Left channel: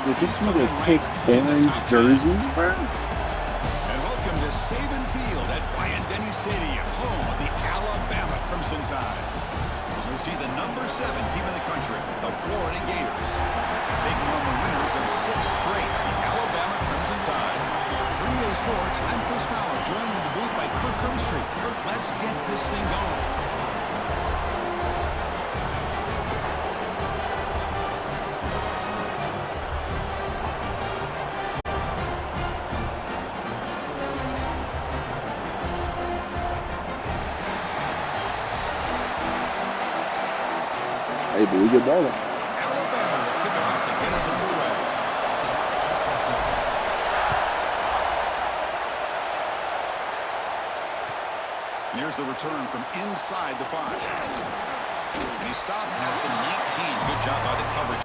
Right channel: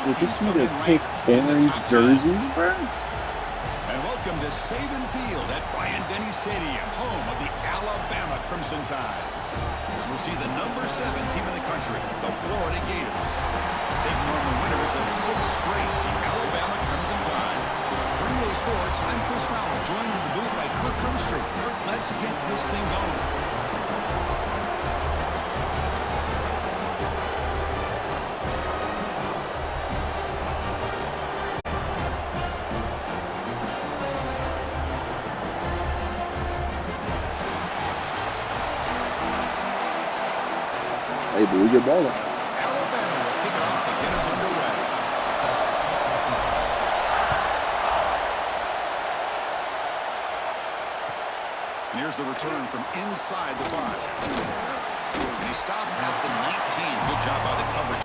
Did teams this come nigga in pick ranked in the orange top 10. jerseys, bro? And welcome to Saban Field at Bryant-Denny Stadium, home of the Alabama Crimson Tide. As we'll see the number 7 team in the country, the Florida Gators, taking on the winners of 6 straight, the Alabama Crimson Tide. Green Bay Sports, I'm Chris Fowler, joined in the booth by Kirk Hermstreet. Kirk, let's get this thing going. Hey, but we get baller. Alabama will kick it off to get us underway. And here's the return from inside the 5. And he stopped at the 19. Good job by the coverage.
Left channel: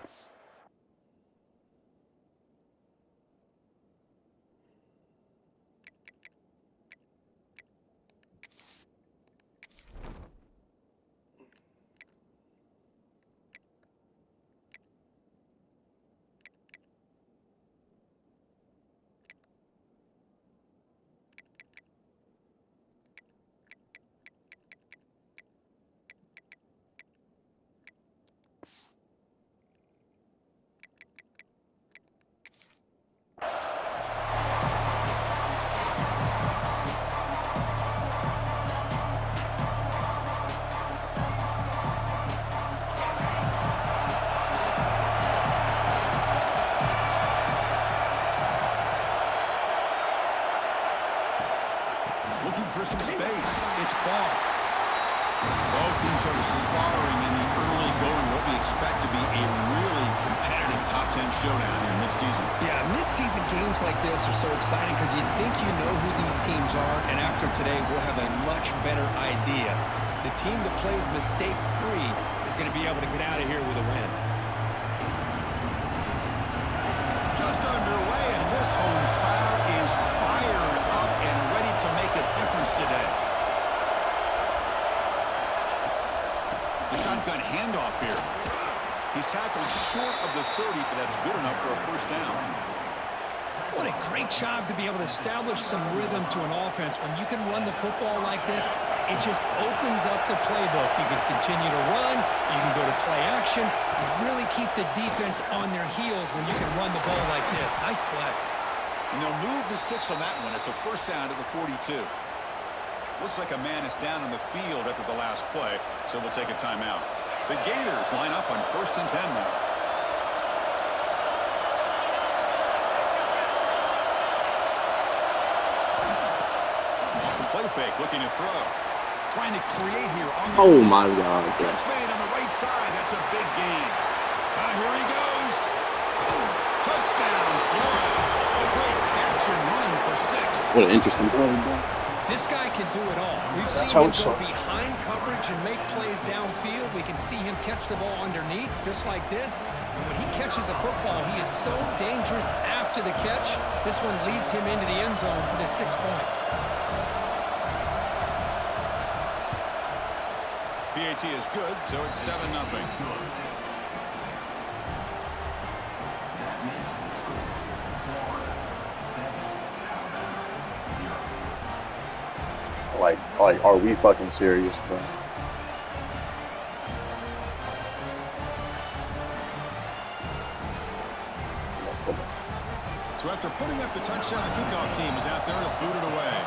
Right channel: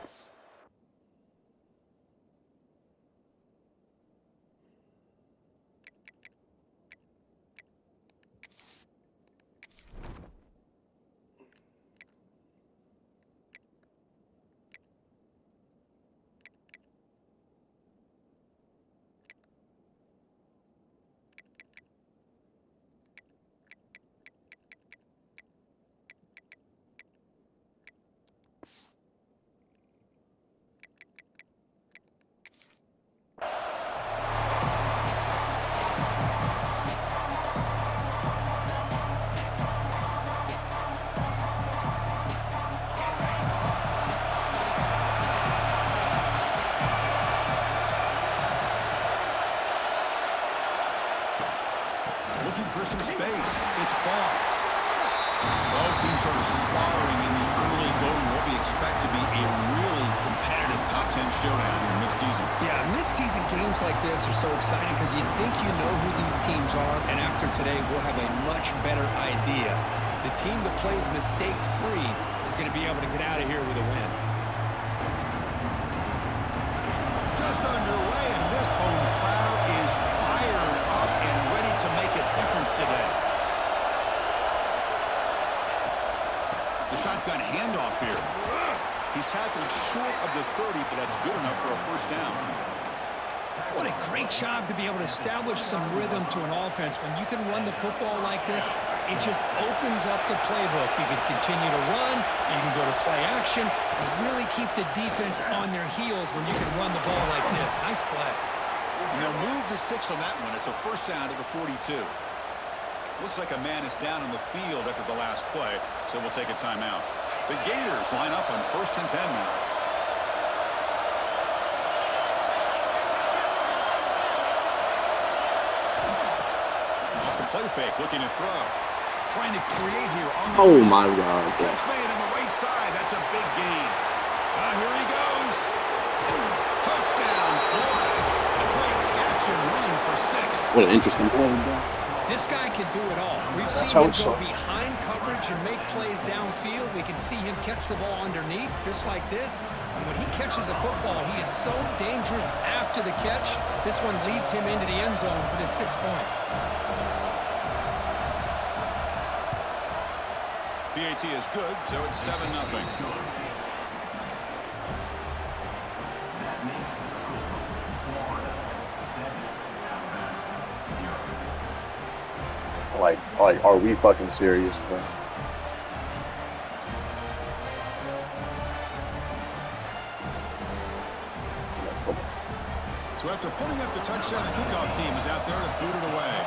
Looking for some space. It's ball. Both teams sort of sparring in the early going. What we expect to be a really competitive top 10 showdown here mid-season. Yeah, mid-season games like this are so exciting because you think you know who these teams are, and after today we'll have a much better idea. The team that plays mistake-free is going to be able to get out of here with a win. Just underway, and this home crowd is fired up and ready to make a difference today. The shotgun handoff here. He's tackled short of the 30, but that's good enough for a first down. What a great job to be able to establish some rhythm to an offense. When you can run the football like this, it just opens up the playbook. You can continue to run. You can go to play action. You really keep the defense on their heels when you can run the ball like this. Nice play. And they'll move the 6 on that one. It's a first down to the 42. Looks like a man is down on the field after the last play, so we'll take a timeout. The Gators line up on 1st and 10 now. Off the play fake, looking to throw. Trying to create here on the Oh my God. catch made on the right side. That's a big gain. Here he goes. Touchdown, Florida. A great catch and run for 6. What an interesting play, bro. This guy can do it all. We've seen how him it go starts. behind coverage and make plays downfield. We can see him catch the ball underneath, just like this. And when he catches a football, he is so dangerous after the catch. This one leads him into the end zone for the 6 points. PAT is good, so it's 7-0. Like, are we fucking serious, bro? So after putting up the touchdown, the kickoff team is out there to boot it away.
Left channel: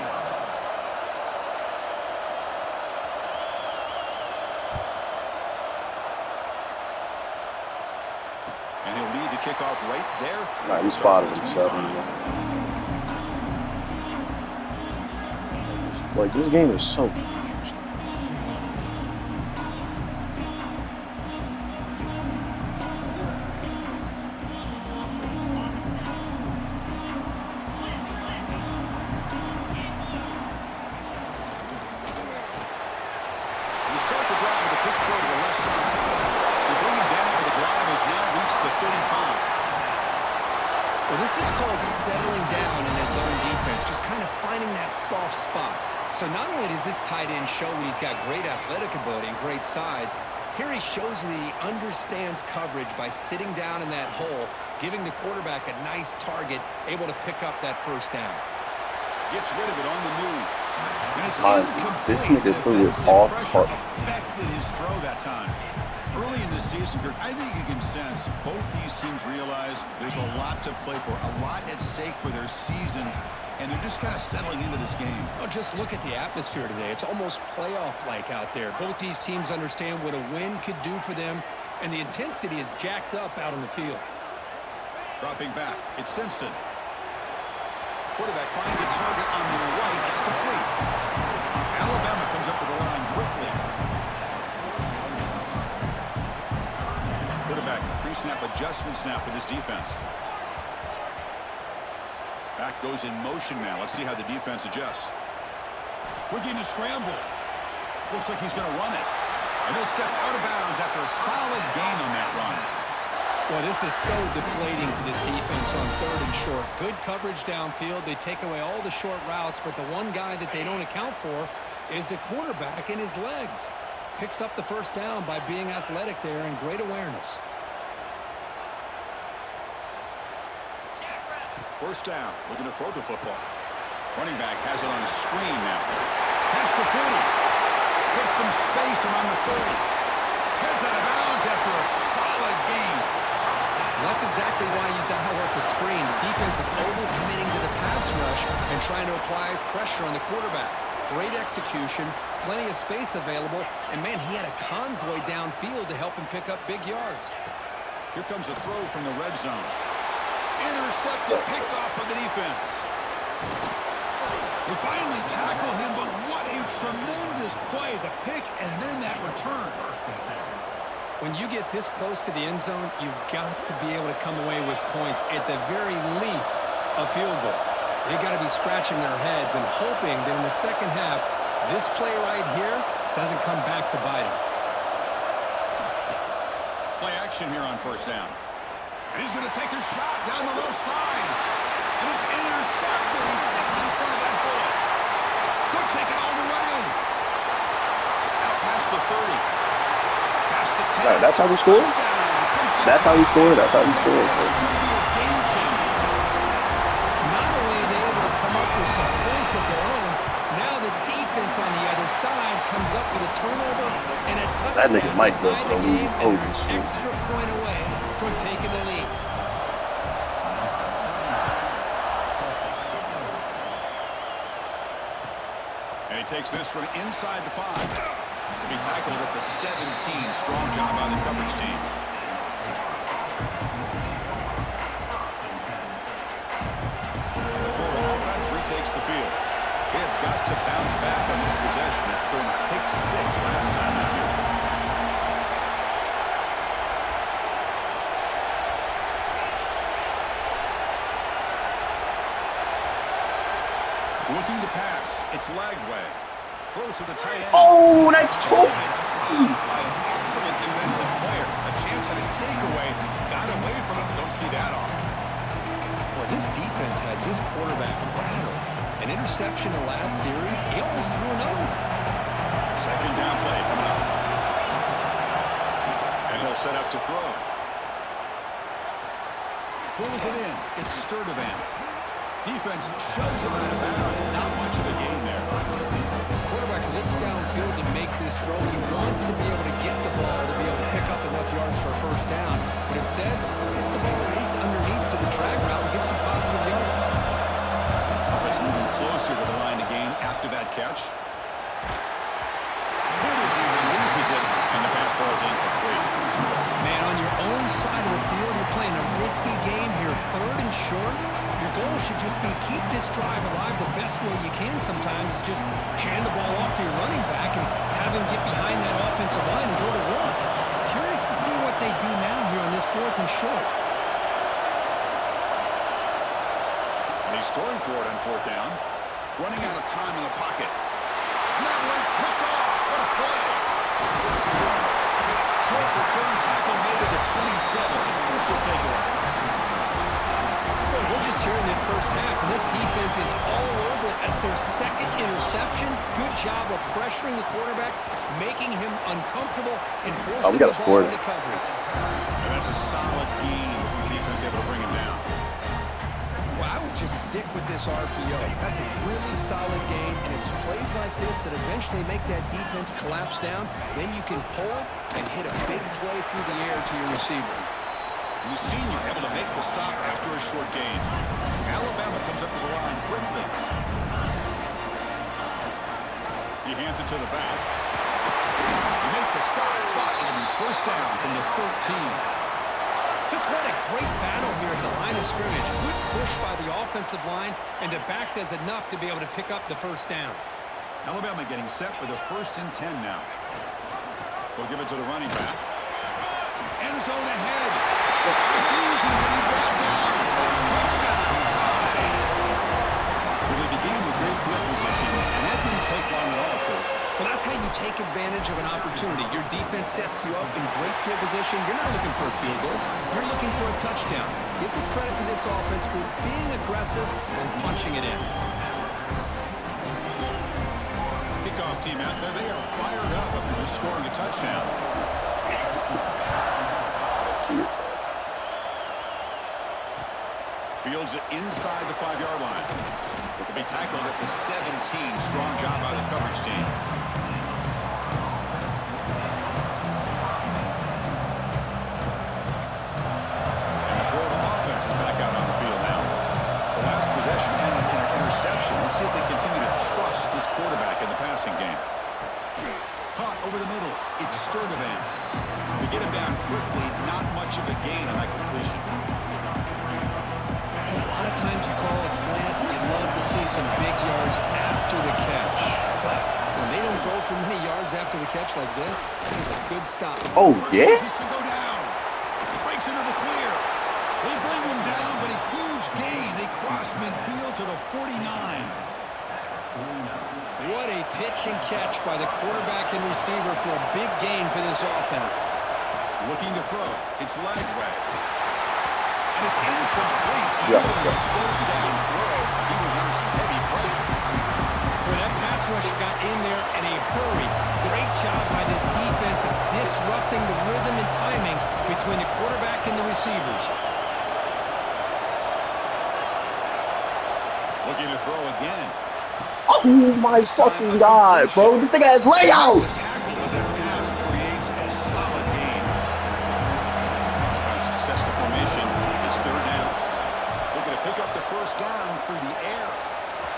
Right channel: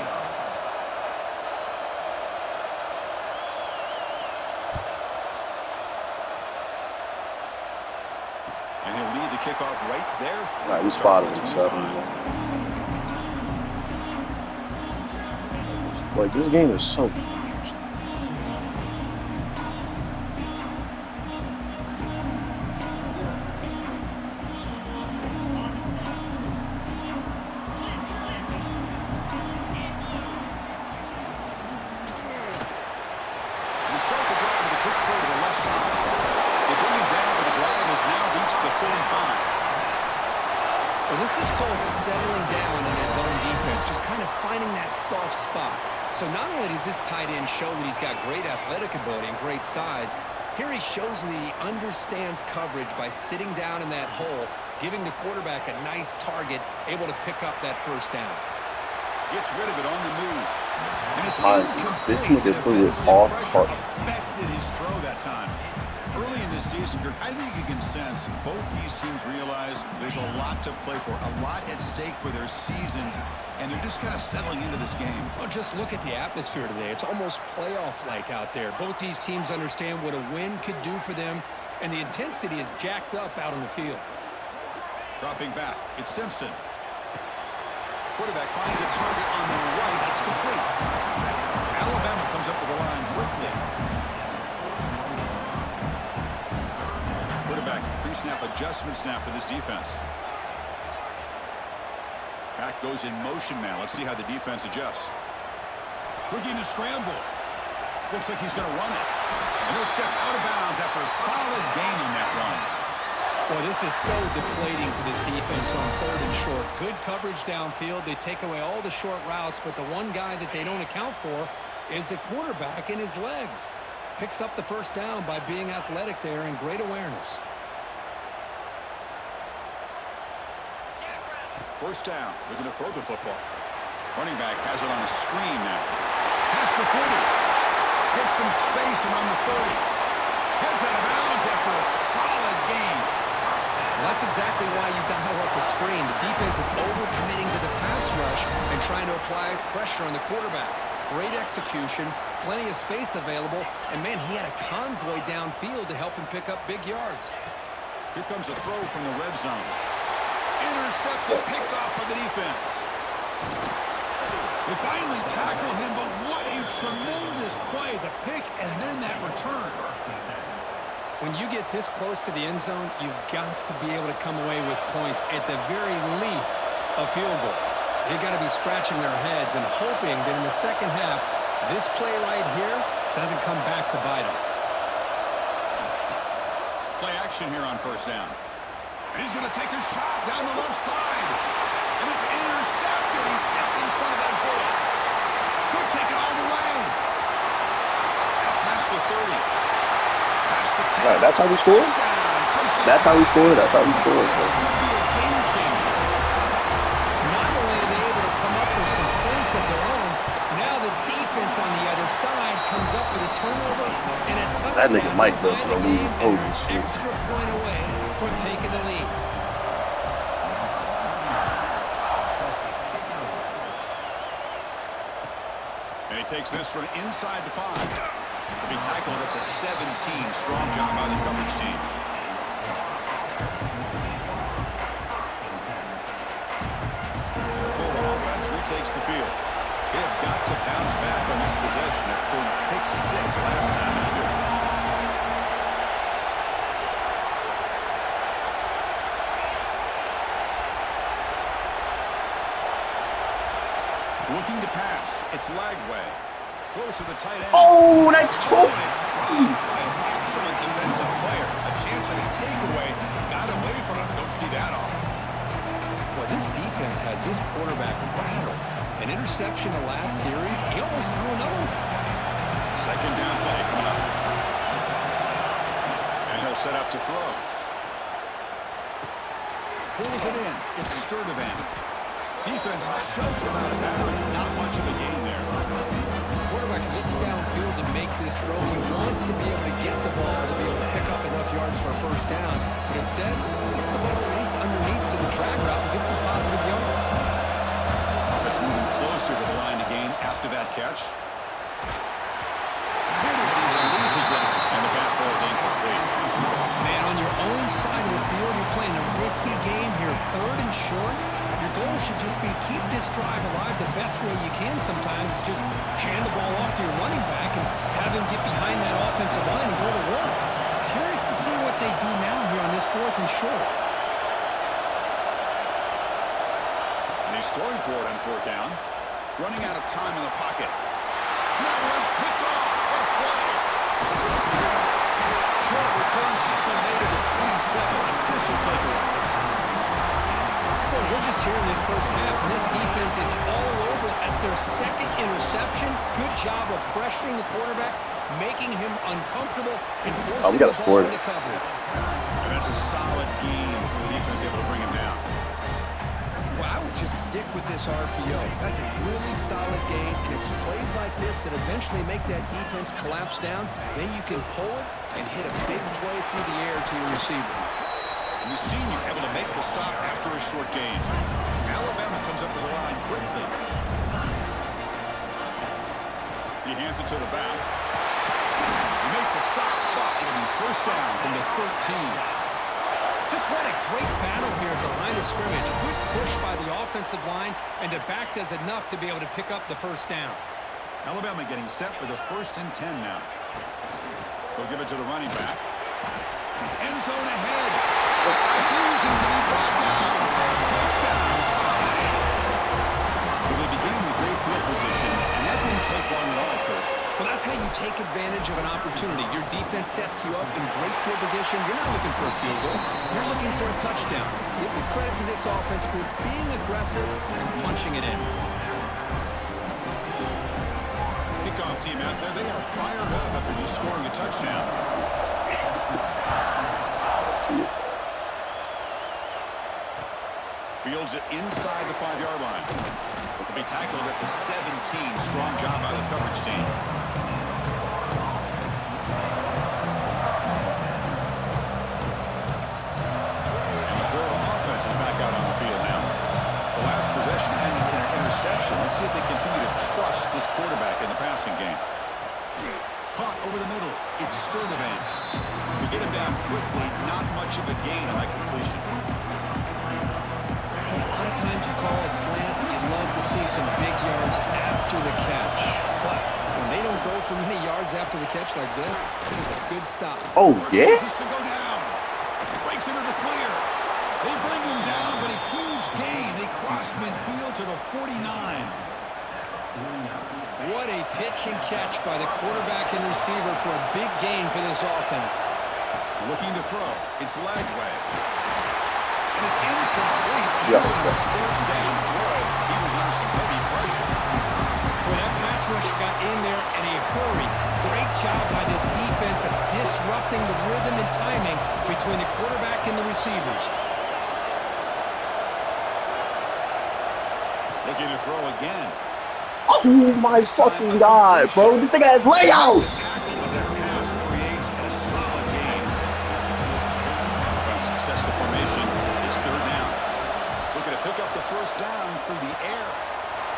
And he'll lead the kickoff right there. All right, we spotted him 7. Like, this game is so interesting. We start the drive with a quick throw to the left side. They bring him down, but the drive has now reached the 35. Well, this is called settling down in his own defense, just kind of finding that soft spot. So not only does this tight end show that he's got great athletic ability and great size, here he shows that he understands coverage by sitting down in that hole giving the quarterback a nice target, able to pick up that first down. Gets rid of it on the move. And it's This incomplete. nigga threw it Defensive off pressure target. affected his throw that time. Early in this season, Kirk, I think you can sense both these teams realize there's a lot to play for, a lot at stake for their seasons, and they're just kind of settling into this game. Well, just look at the atmosphere today. It's almost playoff-like out there. Both these teams understand what a win could do for them, and the intensity is jacked up out on the field. Dropping back, it's Simpson. Quarterback finds a target on the right. It's complete. Alabama comes up to the line quickly. Quarterback pre-snap adjustments now for this defense. Back goes in motion now. Let's see how the defense adjusts. Looking to scramble. Looks like he's going to run it. And he'll step out of bounds after a solid gain on that run. Well, this is so deflating for this defense on 3rd and short. Good coverage downfield. They take away all the short routes, but the one guy that they don't account for is the quarterback and his legs. Picks up the first down by being athletic there and great awareness. First down, looking to throw the football. Running back has it on a screen now. Past the 40. Gets some space around the 30. Heads out of bounds after a solid gain. Well, that's exactly why you dial up a screen. The defense is over-committing to the pass rush and trying to apply pressure on the quarterback. Great execution, plenty of space available, and, man, he had a convoy downfield to help him pick up big yards. Here comes a throw from the red zone. Intercepted, picked off by the defense. They finally tackle him, but what a tremendous play. The pick and then that return. When you get this close to the end zone, you've got to be able to come away with points, at the very least a field goal. They've got to be scratching their heads and hoping that in the second half, this play right here doesn't come back to bite them. Play action here on first down. And he's going to take a shot down the left side. And it's intercepted. He stepped in front of that bullet. Could take it all the way. Out past the 30. Past the 10. Right, that's how we scored? That's how we scored? That's how we scored. Could be a game changer. Not only are they able to come up with some points of their own, now the defense on the other side comes up with a turnover and a touchdown. That nigga might to go tie to the the lead. game, Holy and shit. an extra point away from taking the lead. And he takes this from inside the 5. To be tackled at the 17. Strong job by the coverage team. And the Florida offense retakes the field. They have got to bounce back on this possession after throwing a pick 6 last time out here. Looking to pass. It's Lagway. Throws to the tight end. Oh, that's two. And it's dropped by an excellent defensive player. A chance at a takeaway. Got away from him. Don't see that often. Boy, this defense has this quarterback rattled. An interception the last series. He almost threw another one. Second down play coming up. And he'll set up to throw. Pulls it in. It's Sturdivant. Defense shoves him out of bounds. Not much of a gain there. Quarterback looks downfield to make this throw. He wants to be able to get the ball to be able to pick up enough yards for a first down. But instead, he gets the ball at least underneath to the drag route and gets some positive yards. Offense moving closer to the line to gain after that catch. Hit as he releases it, and the pass ball is incomplete. Man, on your own side of the field, you're playing a risky game here, 3rd and short. Your goal should just be keep this drive alive the best way you can sometimes. Just hand the ball off to your running back and have him get behind that offensive line and go to work. Curious to see what they do now here on this 4th and short. And he's throwing for it on 4th down. Running out of time in the pocket. And that one's picked off. What a play. Short return tackle made at the 27. A crucial takeaway. Boy, we're just focused here in this first half, and this defense is all over it. That's their second interception. Good job of pressuring the quarterback, making him uncomfortable, and forcing the ball into coverage. And that's a solid game for the defense able to bring him down. Well, I would just stick with this RPO. That's a really solid game, and it's plays like this that eventually make that defense collapse down. Then you can pull it and hit a big play through the air to your receiver. The senior able to make the stop after a short gain. Alabama comes up to the line quickly. He hands it to the back. He makes the stop, but it'll be first down from the 13. Just what a great battle here at the line of scrimmage. Good push by the offensive line, and the back does enough to be able to pick up the first down. Alabama getting set for the 1st and 10 now. They'll give it to the running back. End zone ahead. Refusing to be brought down. Touchdown, tied. Well, they began with great field position, and that didn't take long at all, Kirk. Well, that's how you take advantage of an opportunity. Your defense sets you up in great field position. You're not looking for a field goal. You're looking for a touchdown. Give the credit to this offense for being aggressive and punching it in. Kickoff team out there, they are fired up after just scoring a touchdown. Fields it inside the 5-yard line. To be tackled at the 17. Strong job by the coverage team. And the Florida offense is back out on the field now. The last possession ended in an interception. Let's see if they continue to trust this quarterback in the passing game. Caught over the middle. It's Sturdivant. To get him down quickly, not much of a gain on that completion. A lot of times you call a slant, you love to see some big yards after the catch. But when they don't go for many yards after the catch like this, it is a good stop. Oh, yeah? To go down. Breaks into the clear. They bring him down, but a huge gain. They cross midfield to the 49. What a pitch and catch by the quarterback and receiver for a big gain for this offense. Looking to throw. It's Lagway. And it's incomplete. Even on a first down throw, he was under some heavy pressure. Well, that pass rush got in there in a hurry. Great job by this defense of disrupting the rhythm and timing between the quarterback and the receivers. Looking to throw again. Oh my fucking God, bro. This thing has layouts. Tackle, but that pass creates a solid gain. Offense sets the formation. It's 3rd down. Looking to pick up the first down through the air.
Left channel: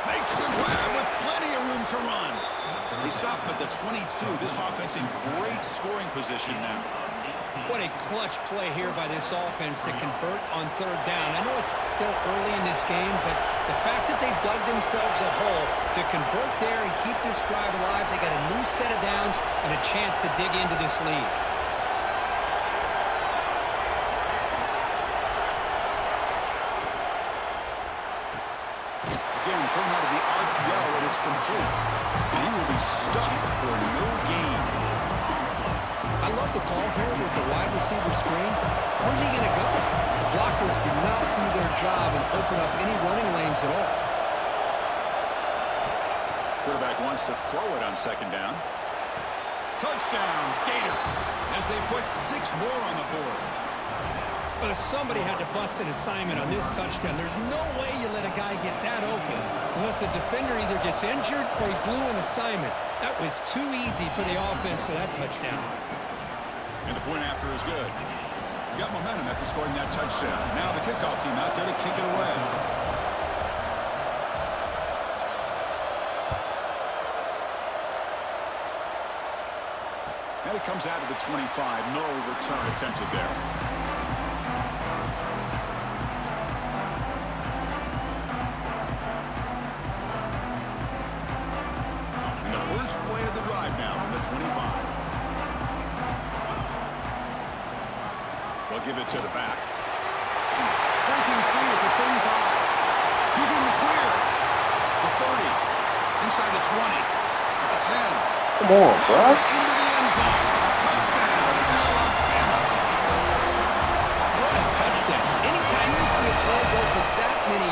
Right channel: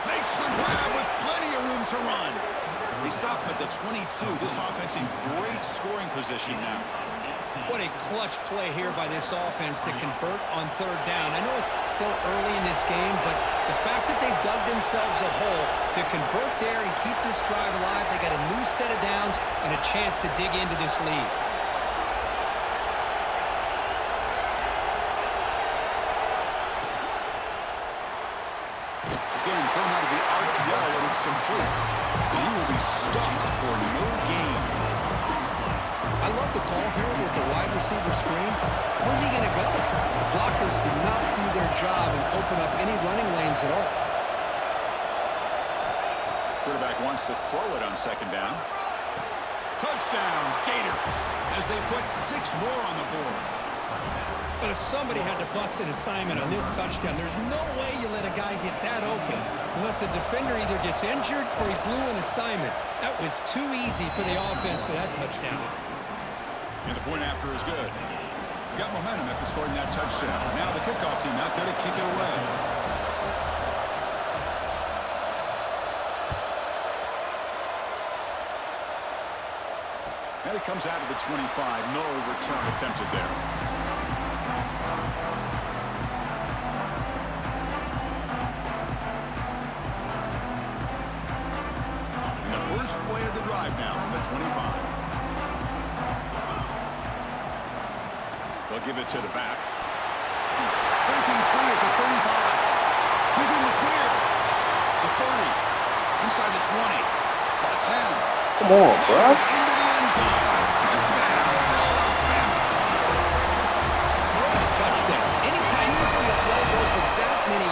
Makes the grab with plenty of room to run. They stop at the 22. This offense in great scoring position now. What a clutch play here by this offense to convert on 3rd down. I know it's still early in this game, but the fact that they've dug themselves a hole to convert there and keep this drive alive, they got a new set of downs and a chance to dig into this lead. Again, thrown out of the RPO, and it's complete. And he will be stuffed for no gain. I love the call here with the wide receiver screen. Where's he going to go? The blockers did not do their job and open up any running lanes at all. Quarterback wants to throw it on 2nd down. Touchdown, Gators, as they put 6 more on the board. But if somebody had to bust an assignment on this touchdown, there's no way you let a guy get that open unless the defender either gets injured or he blew an assignment. That was too easy for the offense for that touchdown. And the point after is good. Got momentum after scoring that touchdown. Now the kickoff team out there to kick it away. And it comes out of the 25. No return attempted there. And the first play of the drive now from the 25. They'll give it to the back. Breaking free at the 35. He's in the clear. The 30. Inside the 20. At the 10. Come on, bro. Into the end zone. Touchdown, Alabama. What a touchdown. Anytime you see a play go for that many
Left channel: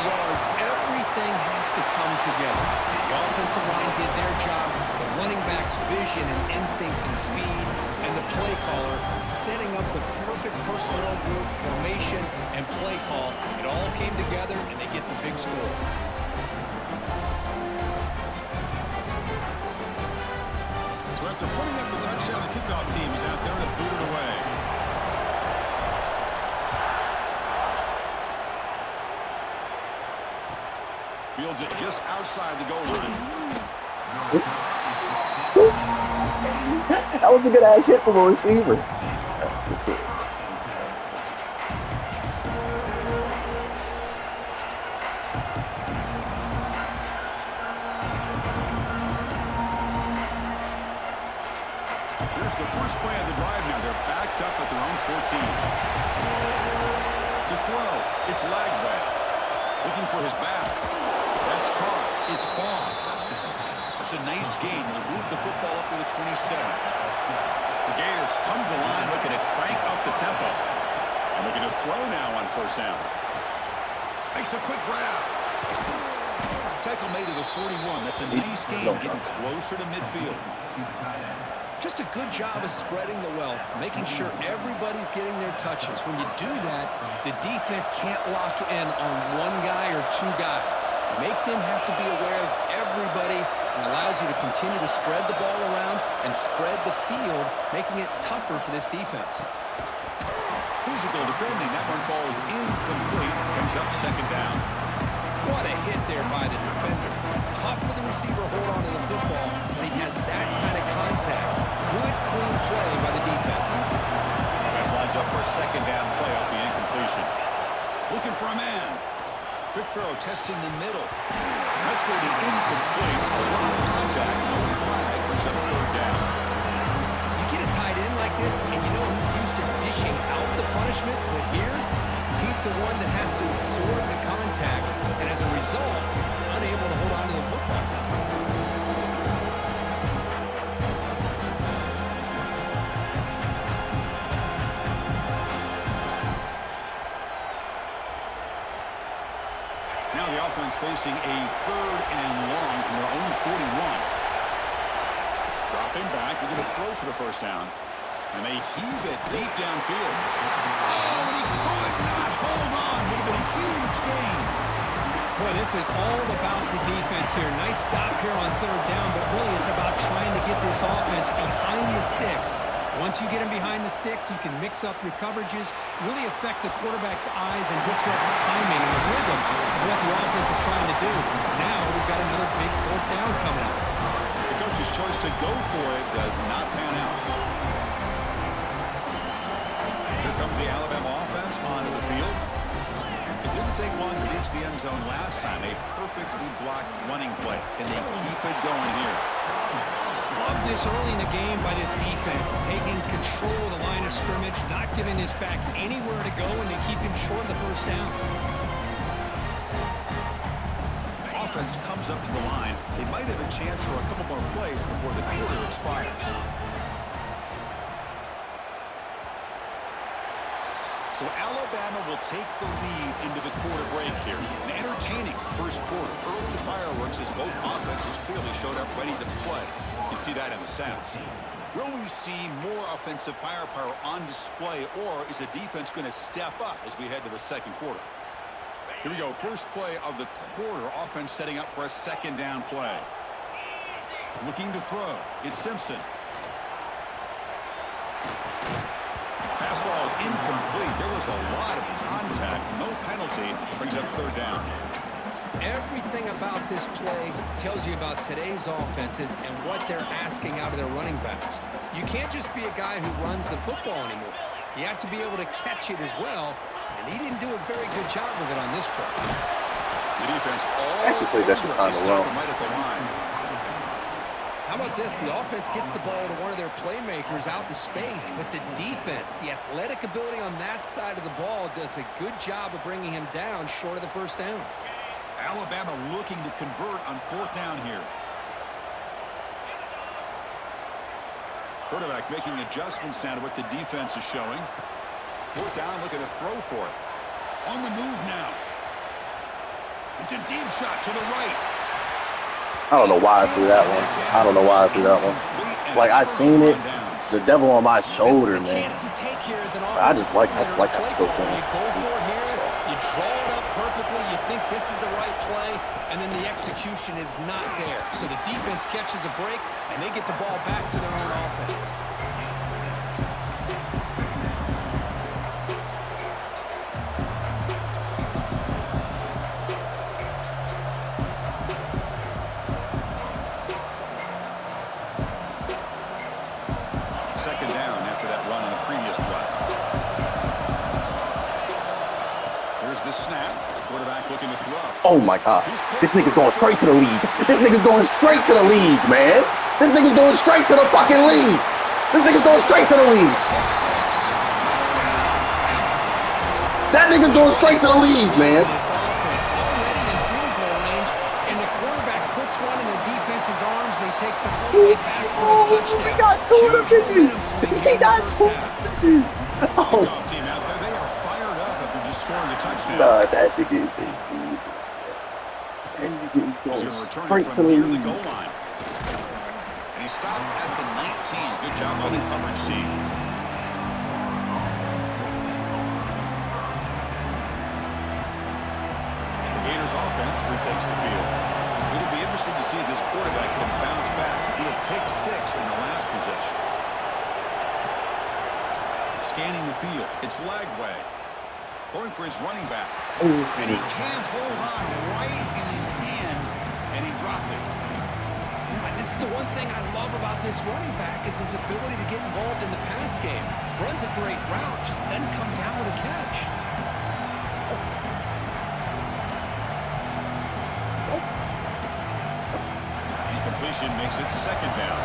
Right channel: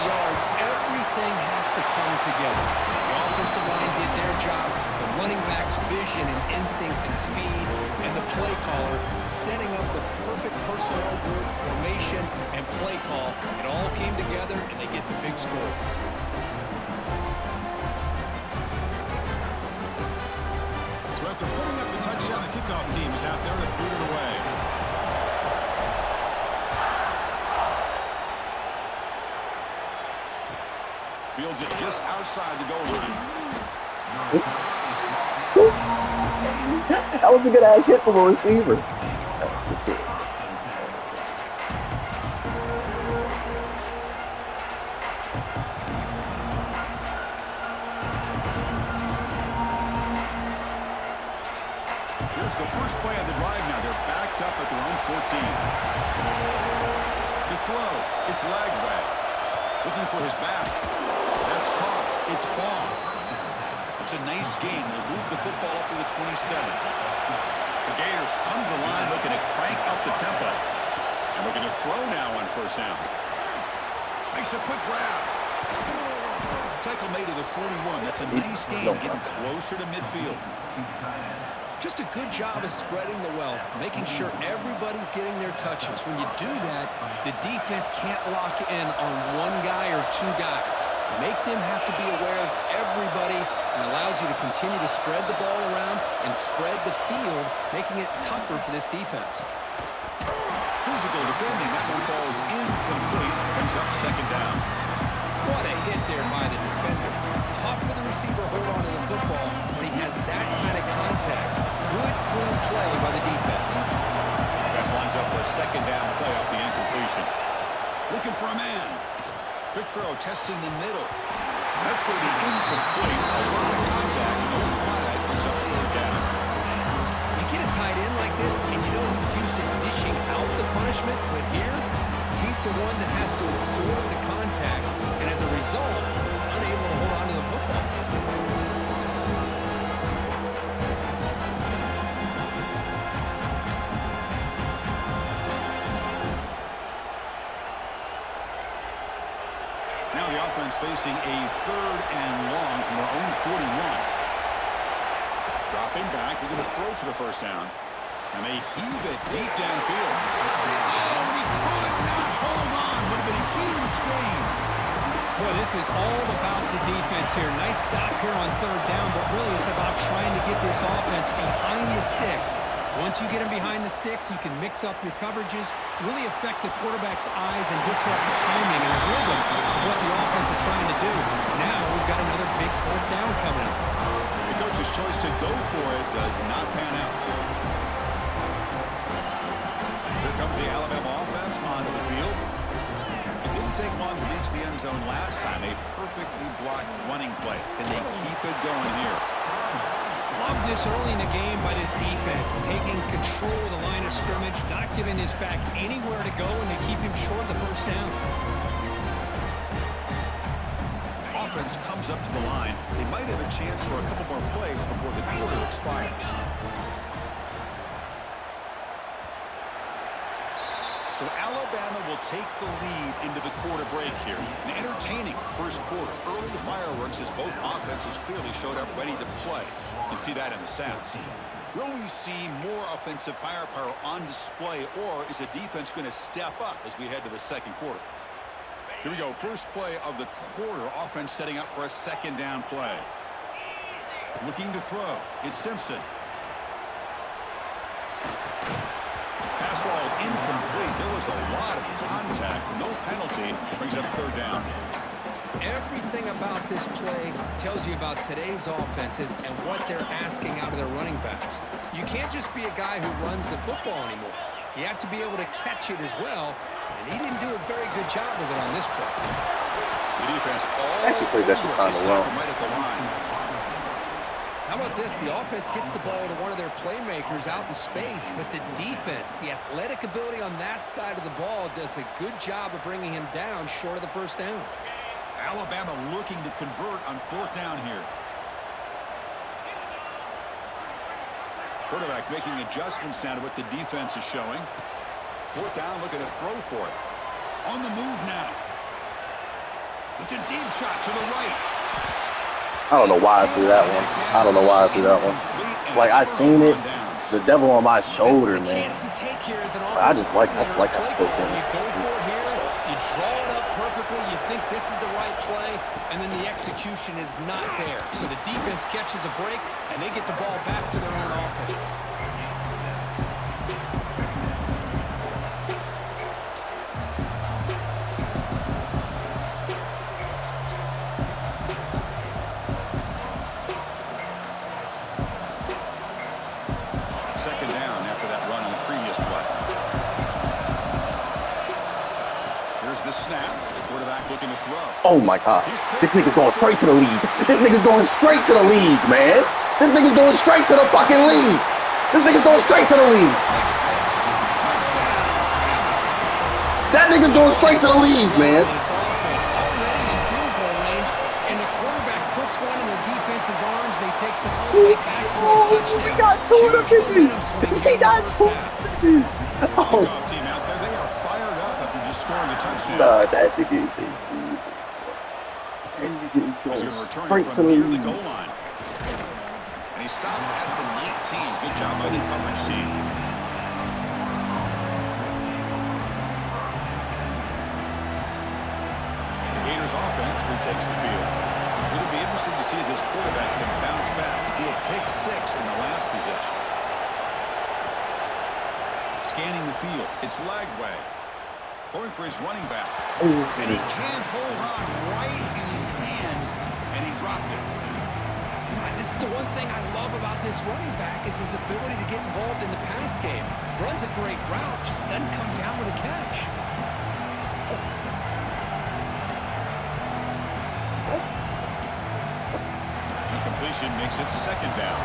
everything has to come together. The offensive line did their job, the running back's vision and instincts and speed, and the play caller setting up the perfect personnel group, formation, and play call. It all came together, and they get the big score. So after putting up the touchdown, the kickoff team is out there to boot it away. Fields it just outside the goal line. That was a good-ass hit from a receiver. Here's the first play of the drive now. They're backed up at their own 14. To throw, it's Lagway. Looking for his back. That's caught. It's ball. That's a nice gain. Will move the football up to the 27. The Gators come to the line looking to crank up the tempo. And looking to throw now on first down. Makes a quick grab. Tackle made to the 41. That's a nice gain, getting closer to midfield. Just a good job of spreading the wealth, making sure everybody's getting their touches. When you do that, the defense can't lock in on one guy or two guys. Make them have to be aware of everybody, and allows you to continue to spread the ball around and spread the field, making it tougher for this defense. Physical defending. That one falls incomplete. Brings up second down. What a hit there by the defender. Tough for the receiver to hold on to the football when he has that kind of contact. Good, clean play by the defense. Offense lines up for a second down play off the incompletion. Looking for a man. Quick throw, testing the middle. That's going to be incomplete. A lot of contact, no flag. Brings up third down. You get a tight end like this, and you know he's used to dishing out the punishment, but here, he's the one that has to absorb the contact, and as a result, he's unable to hold on to the football. Now the offense facing a third and long from their own 41. Dropping back, they're going to throw for the first down. And they heave it deep downfield. Oh, and he could not hold on. Would have been a huge gain. Boy, this is all about the defense here. Nice stop here on third down, but really it's about trying to get this offense behind the sticks. Once you get them behind the sticks, you can mix up your coverages, really affect the quarterback's eyes and disrupt the timing and the rhythm of what the offense is trying to do. Now we've got another big fourth down coming up. The coach's choice to go for it does not pan out. Here comes the Alabama offense onto the field. It didn't take long to reach the end zone last time. A perfectly blocked running play. Can they keep it going here? Love this early in the game by this defense, taking control of the line of scrimmage, not giving this back anywhere to go, and they keep him short of the first down. Offense comes up to the line. They might have a chance for a couple more plays before the quarter expires. So Alabama will take the lead into the quarter break here. An entertaining first quarter. Early fireworks as both offenses clearly showed up ready to play. You can see that in the stats. Will we see more offensive firepower on display, or is the defense going to step up as we head to the second quarter? Here we go. First play of the quarter. Offense setting up for a second down play. Looking to throw. It's Simpson. Pass ball is incomplete. There was a lot of contact. No penalty. Brings up third down. Everything about this play tells you about today's offenses and what they're asking out of their running backs. You can't just be a guy who runs the football anymore. You have to be able to catch it as well, and he didn't do a very good job of it on this play. The defense all Actually played that shit kind of well. right at the line. How about this? The offense gets the ball to one of their playmakers out in space, but the defense, the athletic ability on that side of the ball does a good job of bringing him down short of the first down. Alabama looking to convert on fourth down here. Quarterback making adjustments now to what the defense is showing. Fourth down, looking to throw for it. On the move now. It's a deep shot to the right. I don't know why I threw that one. I don't know why I threw that one. Like, I seen it. The devil on my shoulder, man. I just like how close games. You go for it here. You draw it up perfectly. You think this is the right play, and then the execution is not there. So the defense catches a break, and they get the ball back to their own offense. Second down after that run on the previous play. Here's the snap. The quarterback looking to throw. Oh my God. This nigga's going straight to the league. This nigga's going straight to the league, man. This nigga's going straight to the fucking league. This nigga's going straight to the league. That nigga's going straight to the league, man. This offense already in field goal range, and the quarterback puts one in the defense's arms, and he takes it all the way back for a touchdown. He got 200 pitches. He got 200 pitches. Oh. Team out there, they are fired up after just scoring a touchdown. Nah, that nigga is going straight to the near league. the goal line. And he stopped at the 19. Good job by the coverage team. The Gators offense retakes the field. It'll be interesting to see if this quarterback can bounce back. He threw a pick 6 in the last possession. Scanning the field. It's Lagway. Throwing for his running back. And he can't hold on right in his hands, and he dropped it. You know, this is the one thing I love about this running back is his ability to get involved in the pass game. Runs a great route, just doesn't come down with a catch. Incompletion makes it second down.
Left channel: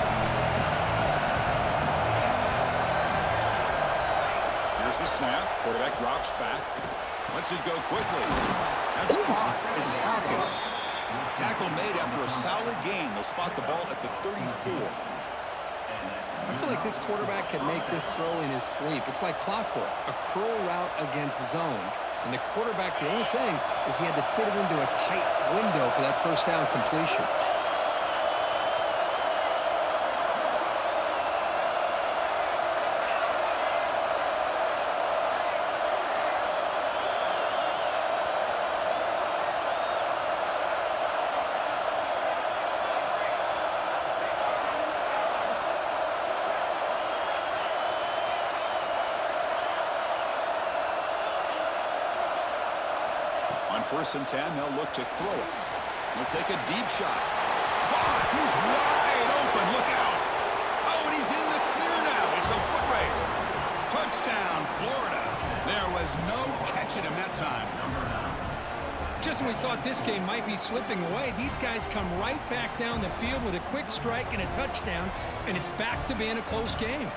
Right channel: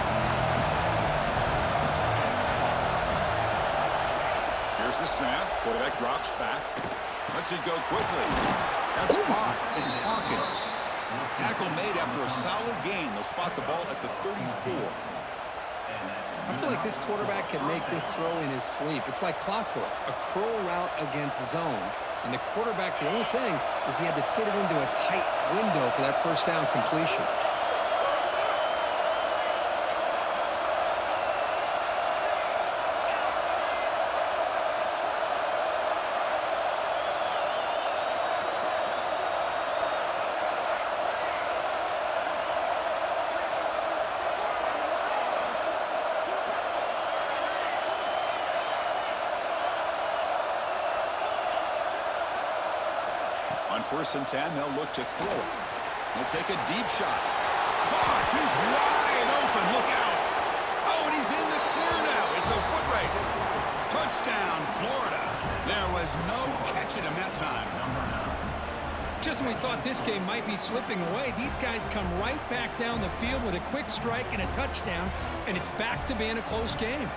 Here's the snap. Quarterback drops back. Lets it go quickly. That's caught. It's Hawkins. Tackle made after a solid gain. They'll spot the ball at the 34. I feel like this quarterback can make this throw in his sleep. It's like clockwork. A curl route against zone. And the quarterback, the only thing is he had to fit it into a tight window for that first down completion. On 1st and 10, they'll look to throw it. They'll take a deep shot. Caught! He's wide open. Look out. Oh, and he's in the clear now. It's a foot race. Touchdown, Florida. There was no catching him that time. Just when we thought this game might be slipping away, these guys come right back down the field with a quick strike and a touchdown, and it's back to being a close game.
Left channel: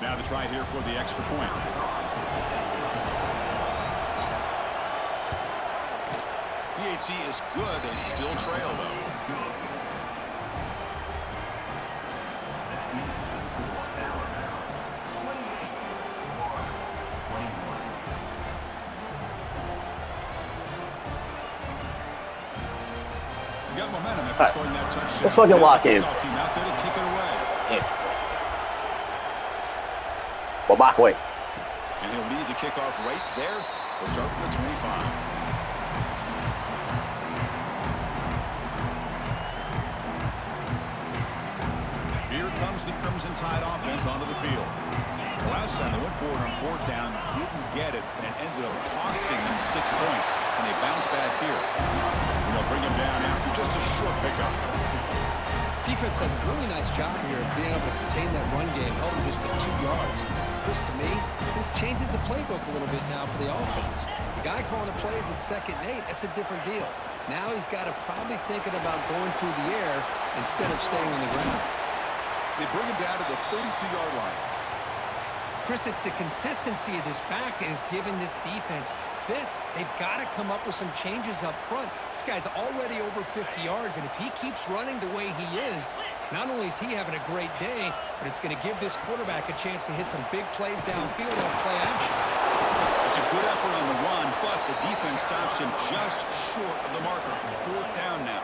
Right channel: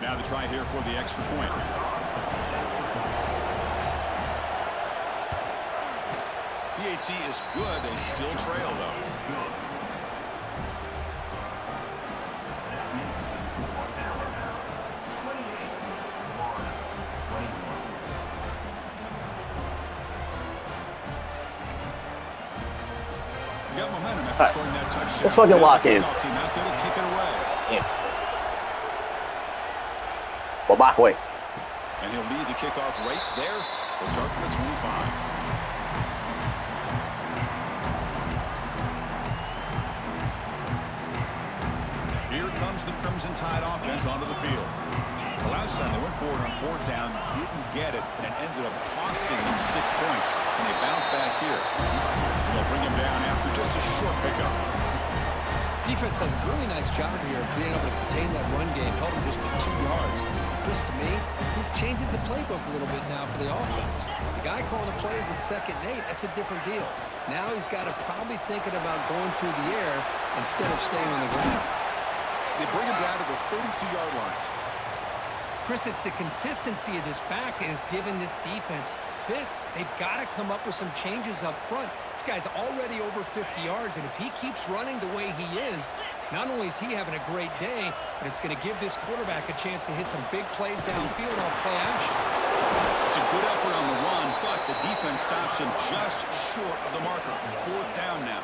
Now the try here for the extra point. PHC is good. They still trail, though. You got momentum after scoring that touchdown. Let's fucking lock in. Team out there to kick it away. Yeah. Well, back away. And he'll lead the kickoff right there. They'll start from the 25. Here comes the Crimson Tide offense onto the field. The last time they went forward on 4th down, didn't get it, and it ended up costing them 6 points. And they bounce back here. And they'll bring him down after just a short pickup. Defense does a really nice job here of being able to contain that run game, held him just to 2 yards. Chris, to me, this changes the playbook a little bit now for the offense. The guy calling the plays at 2nd and 8, that's a different deal. Now he's got to probably thinking about going through the air instead of staying on the ground. They bring him down to the 32-yard line. Chris, it's the consistency of this back is giving this defense fits. They've got to come up with some changes up front. This guy's already over 50 yards, and if he keeps running the way he is, not only is he having a great day, but it's going to give this quarterback a chance to hit some big plays downfield off play action. It's a effort on the run, but the defense stops him just short of the marker. 4th down now.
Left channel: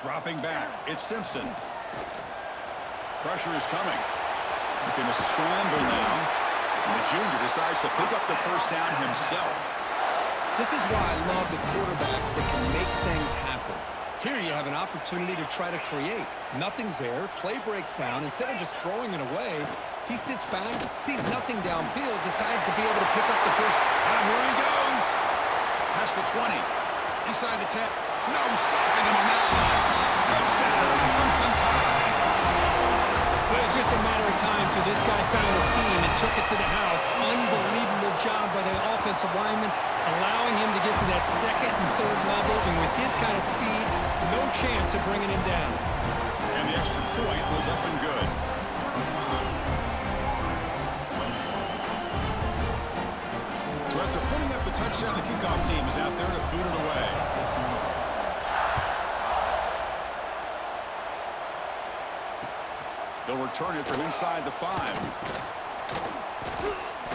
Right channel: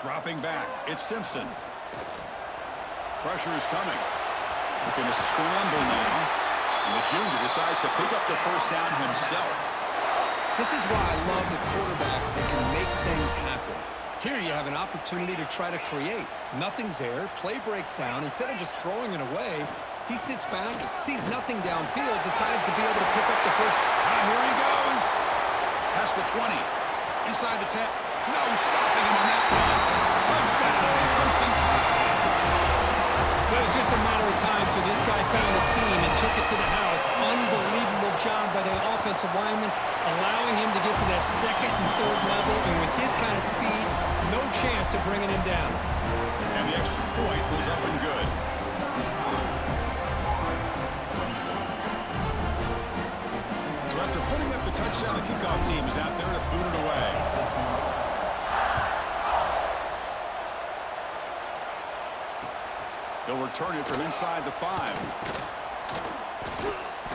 Dropping back, it's Simpson. Pressure is coming. Looking to scramble now. And the junior decides to pick up the 1st down himself. This is why I love the quarterbacks that can make things happen. Here you have an opportunity to try to create. Nothing's there. Play breaks down. Instead of just throwing it away, he sits back, sees nothing downfield, decides to be able to pick up the first. Here he goes. Past the 20. Inside the 10. No stopping him on that one. Touchdown, Crimson Tide. But it was just a matter of time till this guy found a seam and took it to the house. Unbelievable job by the offensive lineman, allowing him to get to that 2nd and 3rd level. And with his kind of speed, no chance of bringing him down. And the extra point was up and good. So after putting up a touchdown, the kickoff team is out there to boot it away. He'll return it from inside the 5.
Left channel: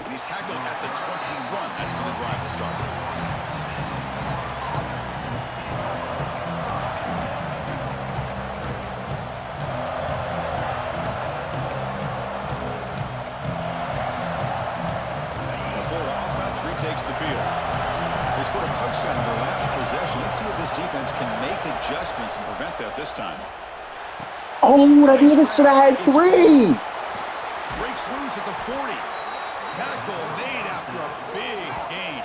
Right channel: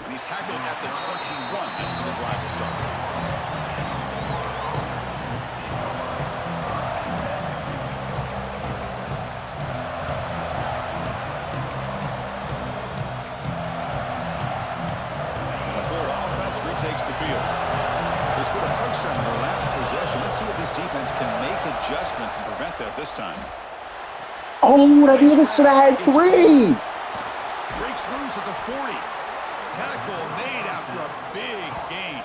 And he's tackled at the 21. That's where the drive will start. The Florida offense retakes the field. They scored a touchdown in their last possession. Let's see if this defense can make adjustments and prevent that this time. Oh, that nigga should have had 3. Breaks loose at the 40. Tackle made after a big gain.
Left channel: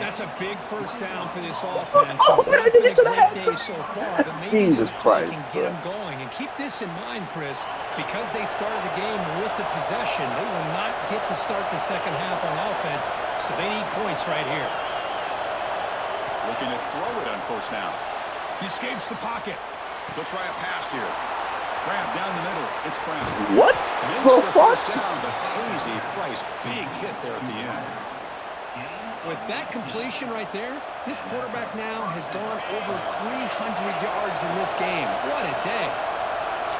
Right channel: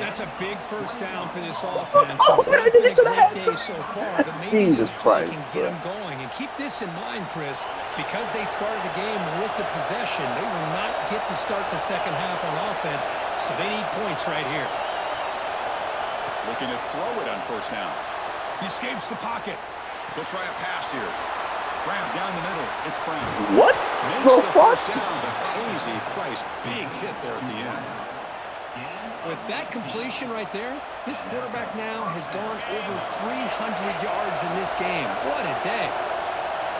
That's a big 1st down for this offense. Oh, It's not been a great day so far, but maybe Jesus this play Christ, can get them going. And keep this in mind, Chris, because they started the game with the possession, they will not get to start the 2nd half on offense, so they need points right here. Looking to throw it on 1st down. He escapes the pocket. He'll try a pass here. Grab down the middle. It's Brown. What Makes the the fuck? 1st down, but pays a price. Big hit there at the end. With that completion right there, this quarterback now has gone over 300 yards in this game. What a day.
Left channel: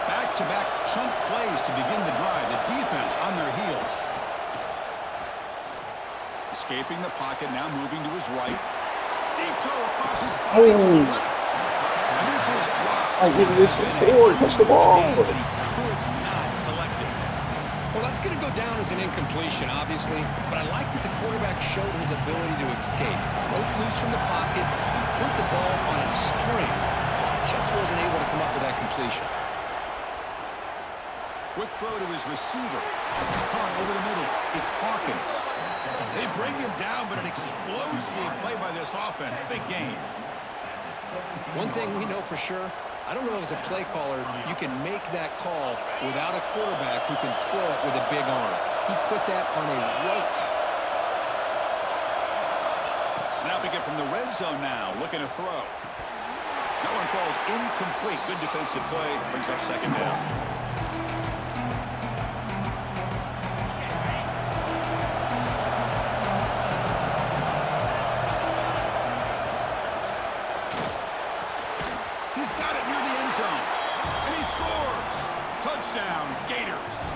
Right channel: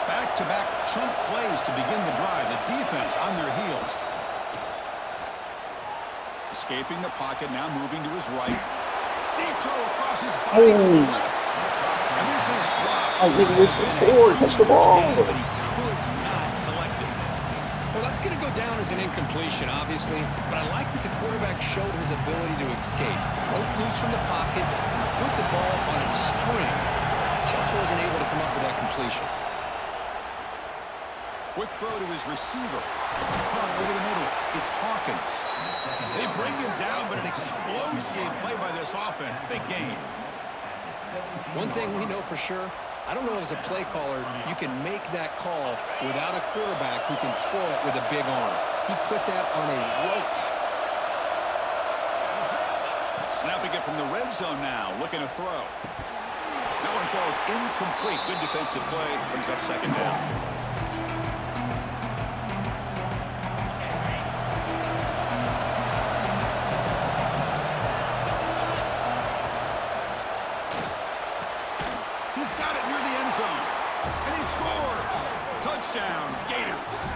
Back-to-back chunk plays to begin the drive. The defense on their heels. Escaping the pocket, now moving to his right. Deep throw across his body to the left. And this is dropped. I think this is forward. Touch the ball. But he could not collect it. Well, that's going to go down as an incompletion, obviously, but I like that the quarterback showed his ability to escape. Broke loose from the pocket and put the ball on a string. Just wasn't able to come up with that completion. Quick throw to his receiver. Caught over the middle. It's Hawkins. They bring him down, but an explosive play by this offense. Big gain. One thing we know for sure, I don't know if as a play caller you can make that call without a quarterback who can throw it with a big arm. He put that on a rope. Snapping it from the red zone now. Looking to throw. That one falls incomplete. Good defensive play. Brings up 2nd down. He's got it near the end zone. And he scores. Touchdown, Gators.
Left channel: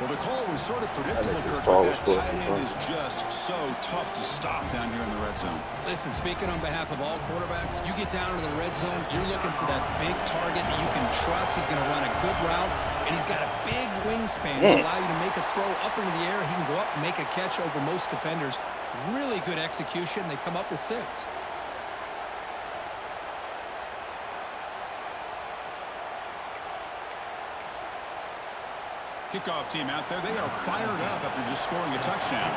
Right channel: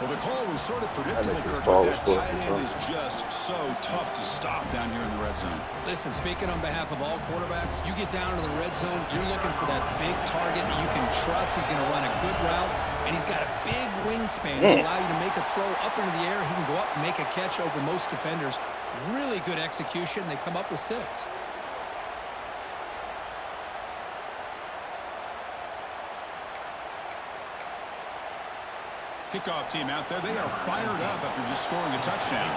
Well, the call was sort of predictable, Kirk, but that tight end is just so tough to stop down here in the red zone. Listen, speaking on behalf of all quarterbacks, you get down to the red zone, you're looking for that big target that you can trust. He's going to run a good route, and he's got a big wingspan to allow you to make a throw up into the air. He can go up and make a catch over most defenders. Really good execution. They come up with 6. Kickoff team out there. They are fired up after just scoring a touchdown.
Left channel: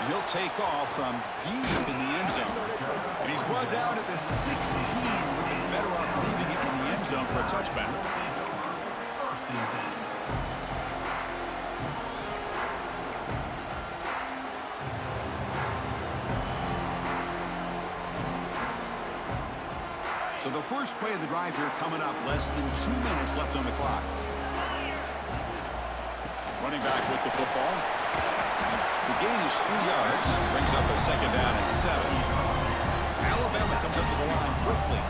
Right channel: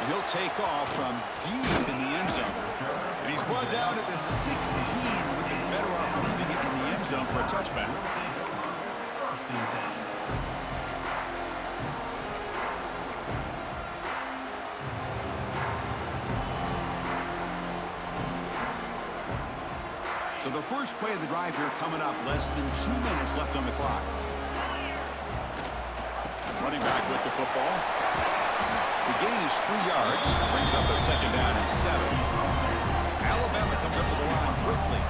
And he'll take off from deep in the end zone. And he's brought down at the 16. Would have been better off leaving it in the end zone for a touchback. So the first play of the drive here coming up, less than 2 minutes left on the clock. Running back with the football. The gain is 3 yards. Brings up a 2nd down and 7. Alabama comes up to the line quickly.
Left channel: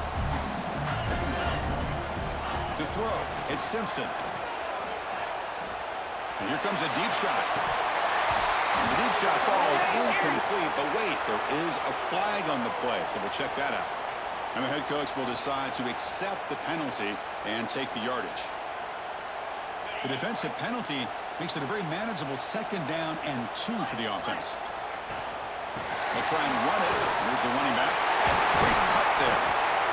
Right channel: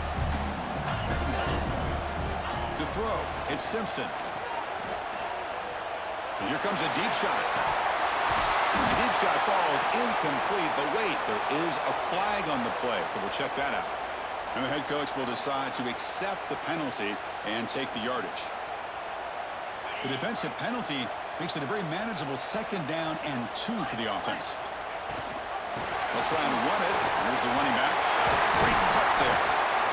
To throw, it's Simpson. And here comes a deep shot. The deep shot falls incomplete, but wait, there is a flag on the play, so we'll check that out. And the head coach will decide to accept the penalty and take the yardage. The defensive penalty makes it a very manageable 2nd down and 2 for the offense. They'll try and run it. Here's the running back. Great cut there.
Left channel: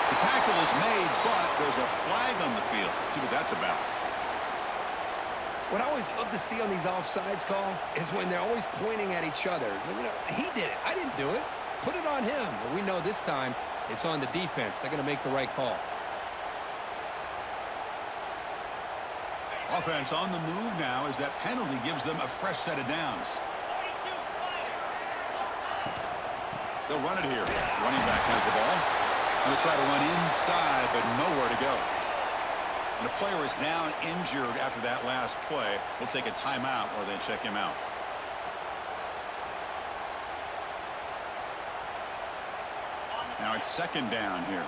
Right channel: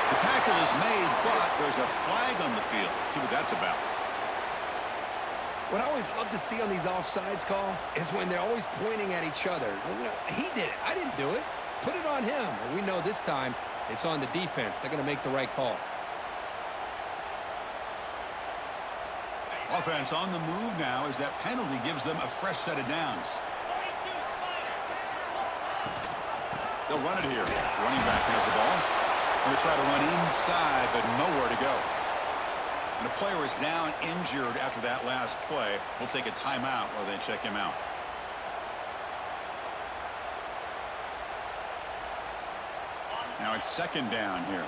The tackle is made, but there's a flag on the field. Let's see what that's about. What I always love to see on these offsides call is when they're always pointing at each other. You know, he did it. I didn't do it. Put it on him. Well, we know this time it's on the defense. They're going to make the right call. Offense on the move now as that penalty gives them a fresh set of downs. They'll run it here. Running back has the ball. Going to try to run inside, but nowhere to go. And the player is down injured after that last play. We'll take a timeout while they check him out. Now it's 2nd down here.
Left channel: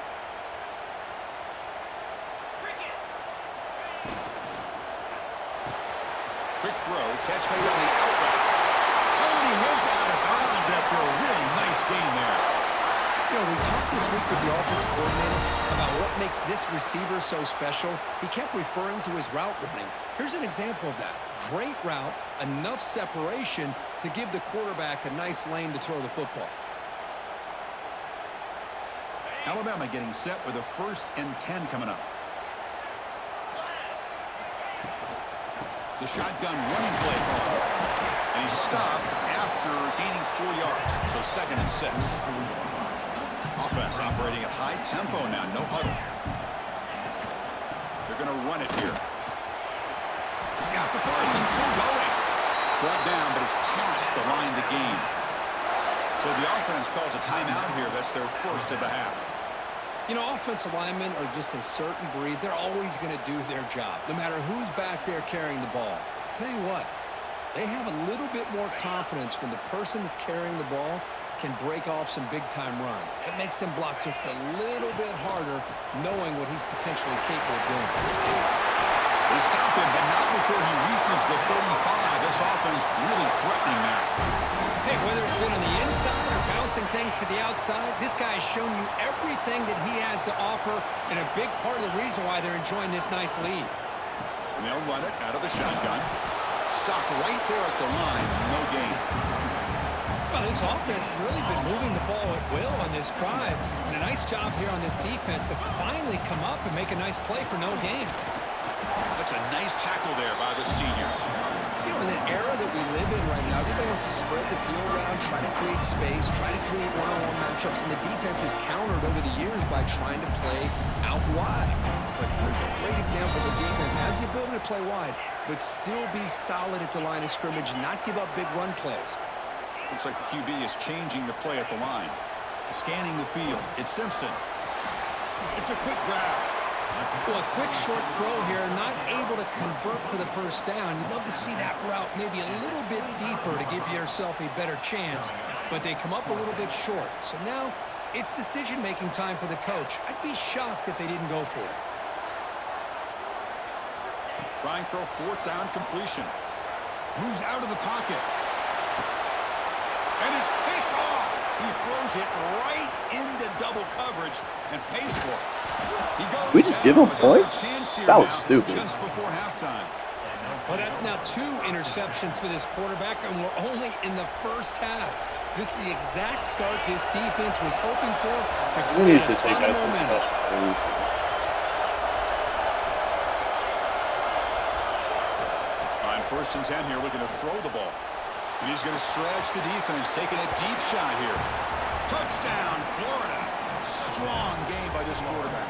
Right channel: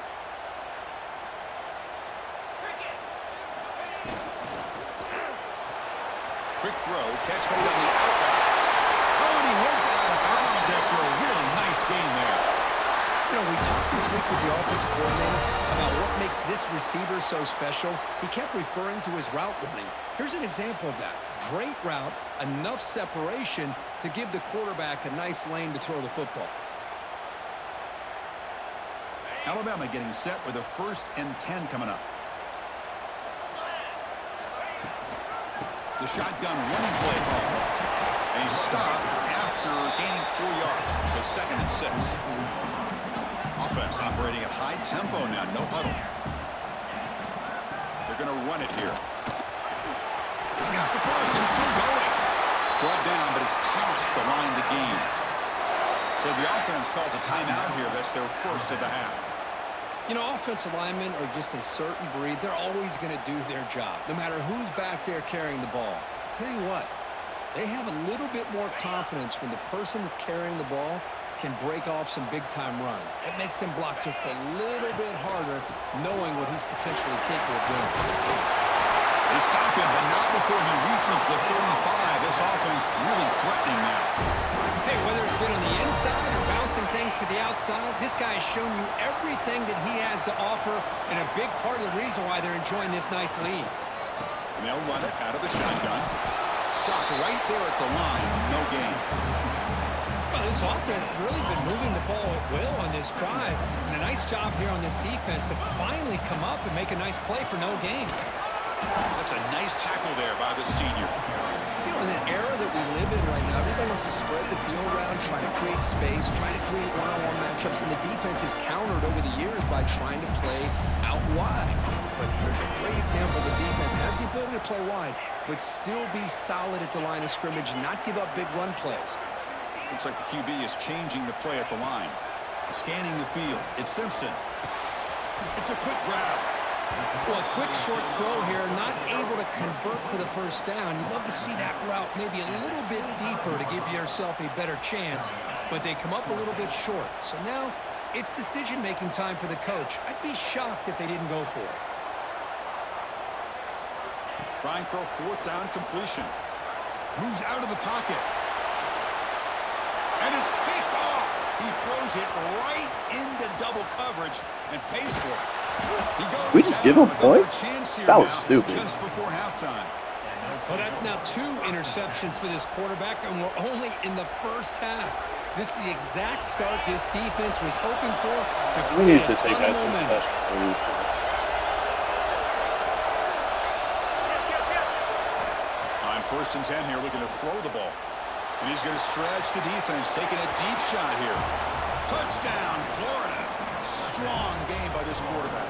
Quick throw, catch made on the out route. Oh, and he heads out of bounds after a really nice gain there. You know, we talked this week with the offensive coordinator about what makes this receiver so special. He kept referring to his route running. Here's an example of that. Great route, enough separation to give the quarterback a nice lane to throw the football. Alabama getting set with a 1st and 10 coming up. The shotgun running play call. And he's stopped after gaining 4 yards. So 2nd and 6. Offense operating at high tempo now. No huddle. They're going to run it here. He's got the first and still going. Brought down, but it's past the line to gain. So the offense calls a timeout here. That's their 1st of the half. You know, offensive linemen are just a certain breed. They're always going to do their job, no matter who's back there carrying the ball. I'll tell you what, they have a little bit more confidence when the person that's carrying the ball can break off some big-time runs. That makes them block just a little bit harder, knowing what he's potentially capable of doing. They stop him, but not before he reaches the 35. This offense really threatening now. Hey, whether it's been on the inside or bouncing things to the outside, this guy has shown you everything that he has to offer, and a big part of the reason why they're enjoying this nice lead. And they'll run it out of the shotgun. Stopped right there at the line. No gain. Well, this offense has really been moving the ball at will on this drive. And a nice job here on this defense to finally come up and make a nice play for no gain. That's a nice tackle there by the senior. You know, in the era that we live in right now, everybody wants to spread the field around, try to create space, try to create one-on-one matchups, and the defense is countered over the years by trying to play out wide. But here's a great example. The defense has the ability to play wide, but still be solid at the line of scrimmage and not give up big run plays. Looks like the QB is changing the play at the line. Scanning the field. It's Simpson. It's a quick grab. Well, a quick short throw here, not able to convert for the 1st down. You'd love to see that route maybe a little bit deeper to give yourself a better chance, but they come up a little bit short. So now it's decision-making time for the coach. I'd be shocked if they didn't go for it. Trying for a 4th down completion. Moves out of the pocket. And it's picked off. He throws it right into double coverage and pays for it. He goes we just give him points? That was stupid. Just before halftime. Well, that's now 2 interceptions for this quarterback, and we're only in the 1st half. This is the exact start this defense was hoping for to create a ton of momentum. On 1st and 10 here, looking to throw the ball. And he's going to stretch the defense, taking a deep shot here. Touchdown, Florida. Strong game by this quarterback.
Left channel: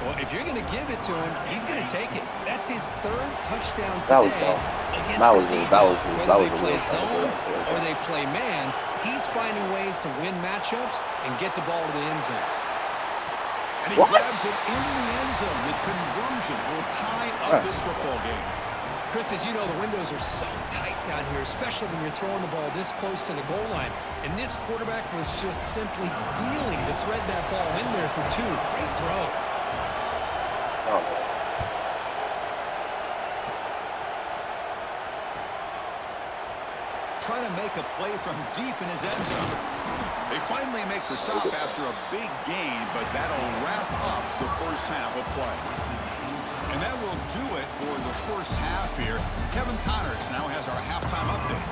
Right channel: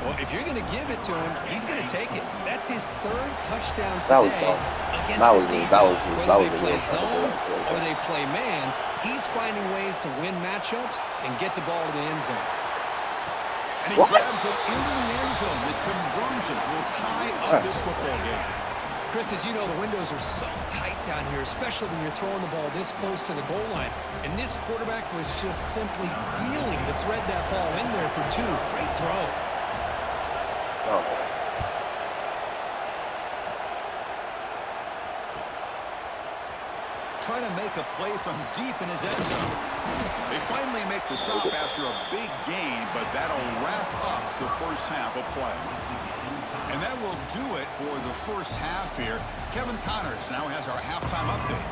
Well, if you're going to give it to him, he's going to take it. That's his 3rd touchdown today against this defense. Whether they play zone or they play man, he's finding ways to win matchups and get the ball to the end zone. And he grabs it in the end zone. The conversion will tie up this football game. Chris, as you know, the windows are so tight down here, especially when you're throwing the ball this close to the goal line. And this quarterback was just simply dealing to thread that ball in there for 2. Great throw. Oh, man. Trying to make a play from deep in his end zone. They finally make the stop after a big gain, but that'll wrap up the first half of play. And that will do it for the first half here. Kevin Connors now has our halftime update.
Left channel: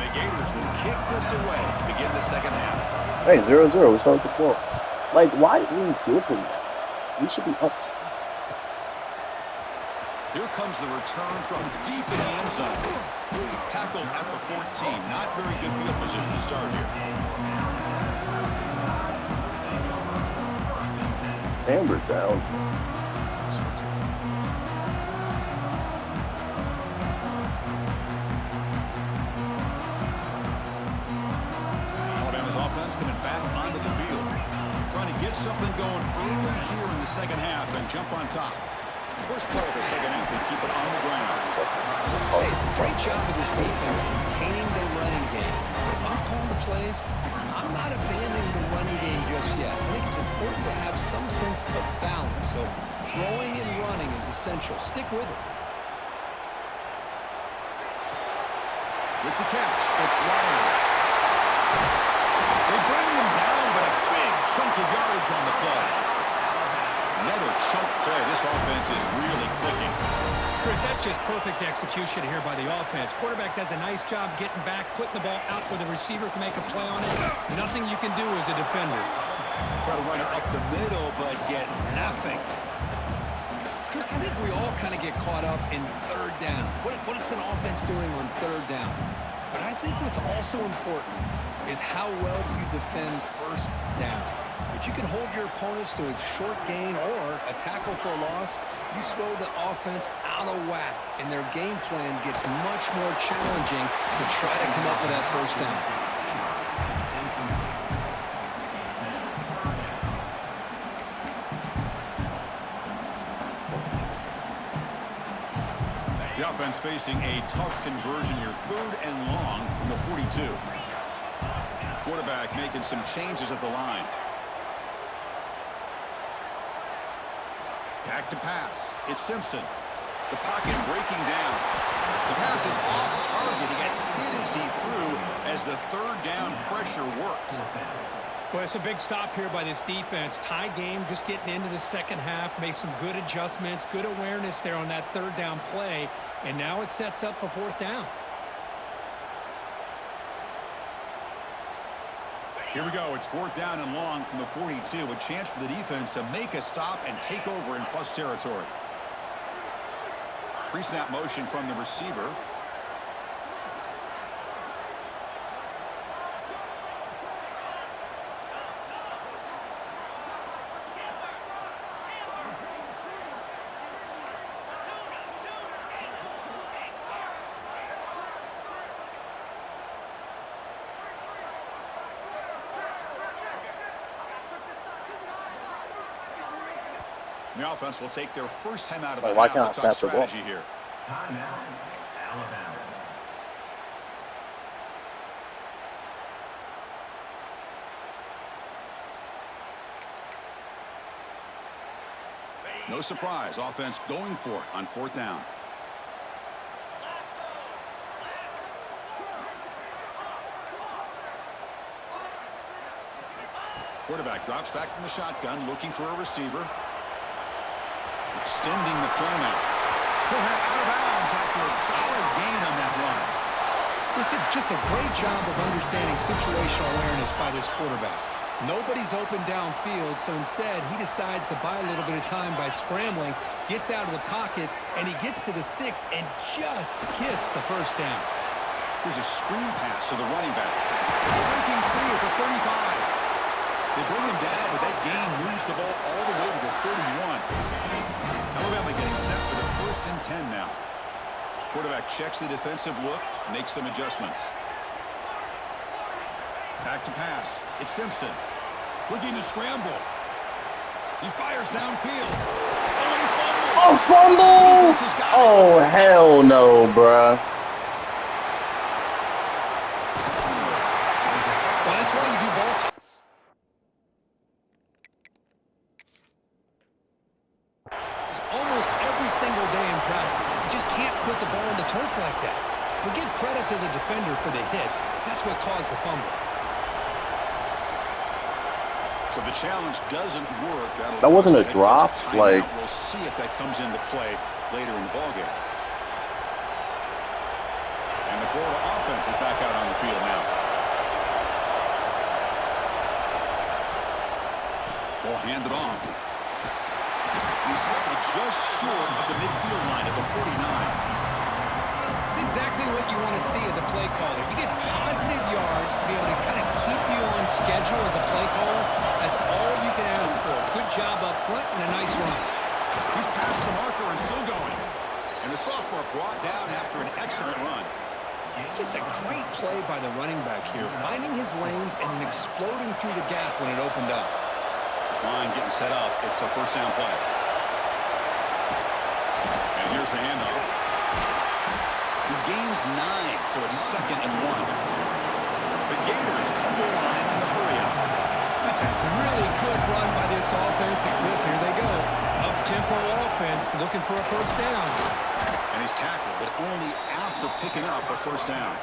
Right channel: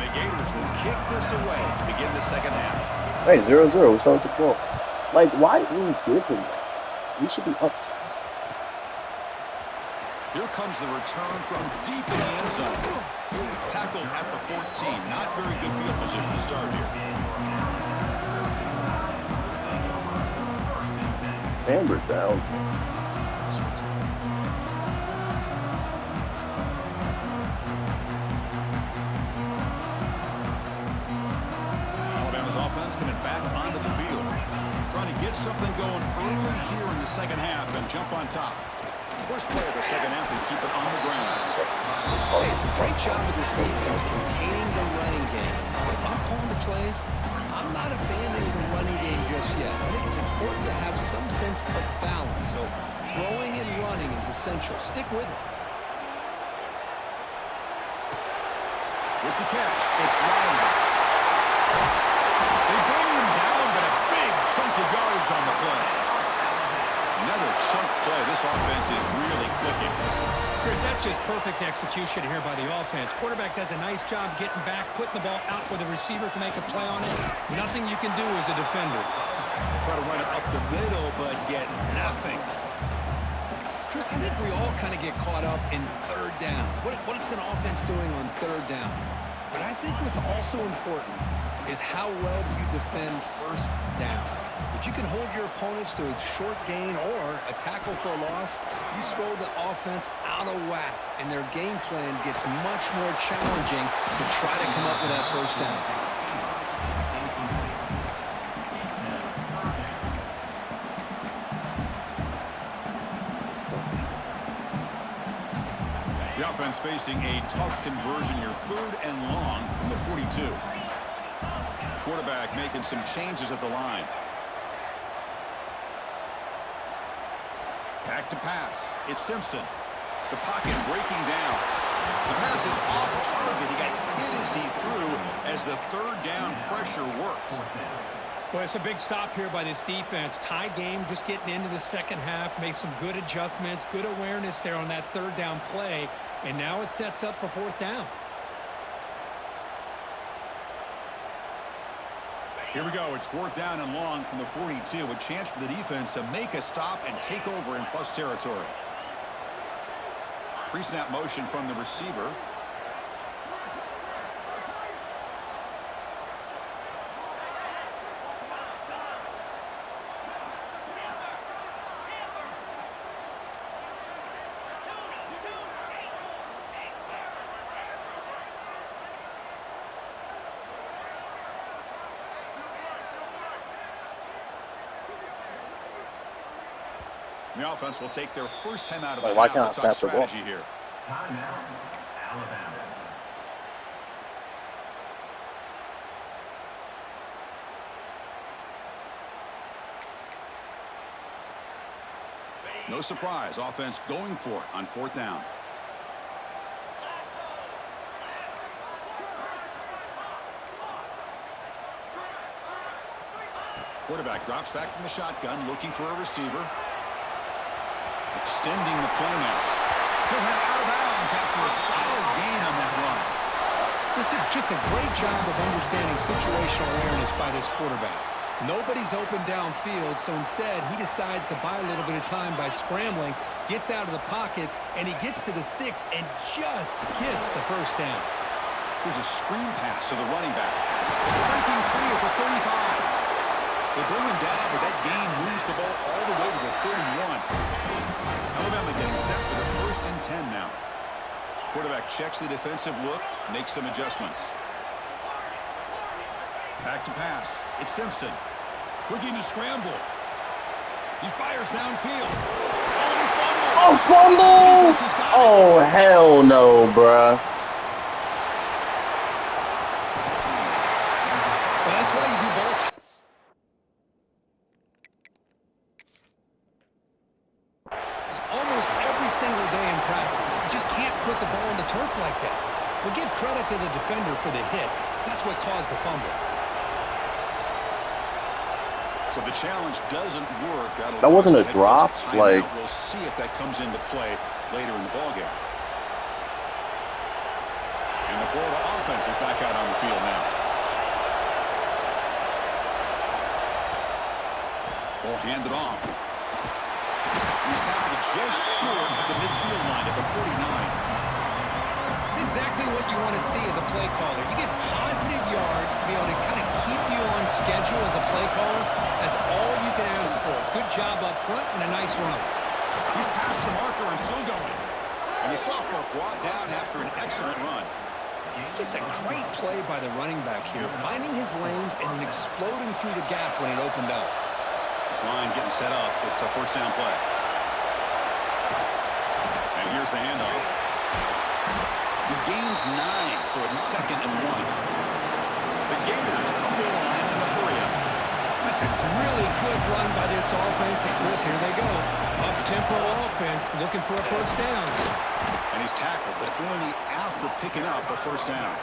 The Gators will kick this away to begin the second half. Hey, 0-0. What's up with the ball? Like, why did we give him that? We should be up. Here comes the return from deep in the end zone. Tackled at the 14. Not very good field position to start here. Hammered down. Alabama's offense coming back onto the field. Trying to get something going early here in the second half and jump on top. First play of the second half, they keep it on the ground. Hey, it's a great job of this defense containing the running game. But if I'm calling the plays, I'm not abandoning the running game just yet. I think it's important to have some sense of balance. So throwing and running is essential. Stick with it. With the catch, it's Riley. They bring him down, but a big chunk of yardage on the play. Another chunk play. This offense is really clicking. Chris, that's just perfect execution here by the offense. Quarterback does a nice job getting back, putting the ball out where the receiver can make a play on it. Nothing you can do as a defender. Try to run it up the middle, but get nothing. Chris, I think we all kind of get caught up in third down. What is an offense doing on third down? But I think what's also important is how well do you defend first down. If you can hold your opponents to a short gain or a tackle for a loss, you throw the offense out of whack, and their game plan gets much more challenging to try to come up with that first down. The offense facing a tough conversion here. 3rd and long from the 42. Quarterback making some changes at the line. Back to pass. It's Simpson. The pocket breaking down. The pass is off target. He got hit as he threw as the third down pressure worked. Well, it's a big stop here by this defense. Tie game, just getting into the second half. Made some good adjustments, good awareness there on that third down play. And now it sets up a 4th down. Here we go. It's 4th down and long from the 42. A chance for the defense to make a stop and take over in plus territory. Pre-snap motion from the receiver. The offense will take their first time out of the half. Can't snap the ball? Strategy here. Timeout, Alabama. No surprise. Offense going for it on 4th down. Quarterback drops back from the shotgun, looking for a receiver. Extending the play now. He'll head out of bounds after a solid gain on that run. This is just a great job of understanding situational awareness by this quarterback. Nobody's open downfield, so instead he decides to buy a little bit of time by scrambling, gets out of the pocket, and he gets to the sticks and just gets the first down. Here's a screen pass to the running back. Breaking free at the 35. They bring him down, but that gain moves the ball all the way to the 31. Alabama getting set for the 1st and 10 now. Quarterback checks the defensive look, makes some adjustments. Back to pass. It's Simpson. Looking to scramble. He fires downfield. Oh, and he fumbles. Oh, fumble! Oh, hell no, bruh. Well, that's why you do ball. Almost every single day in practice. You just can't put the ball on the turf like that. But give credit to the defender for the hit, because that's what caused the fumble. So the challenge doesn't work. That wasn't a drop. Like, we'll see if that comes into play later in the ballgame. And the Florida offense is back out on the field now. Ball handed off. He's tackled just short of the midfield line at the 49. It's exactly what you want to see as a play caller. You get positive yards to be able to kind of keep you on schedule as a play caller. That's all you can ask for. Good job up front and a nice run. He's past the marker and still going. And the sophomore brought down after an excellent run. Just a great play by the running back here, finding his lanes and then exploding through the gap when it opened up. This line getting set up. It's a first down play. And here's the handoff. He gains 9, so it's 2nd and 1. The Gators come to the line in a hurry-up. That's a really good run by this offense. And, Chris, here they go. Up-tempo offense looking for a first down. And he's tackled, but only after picking up a first down.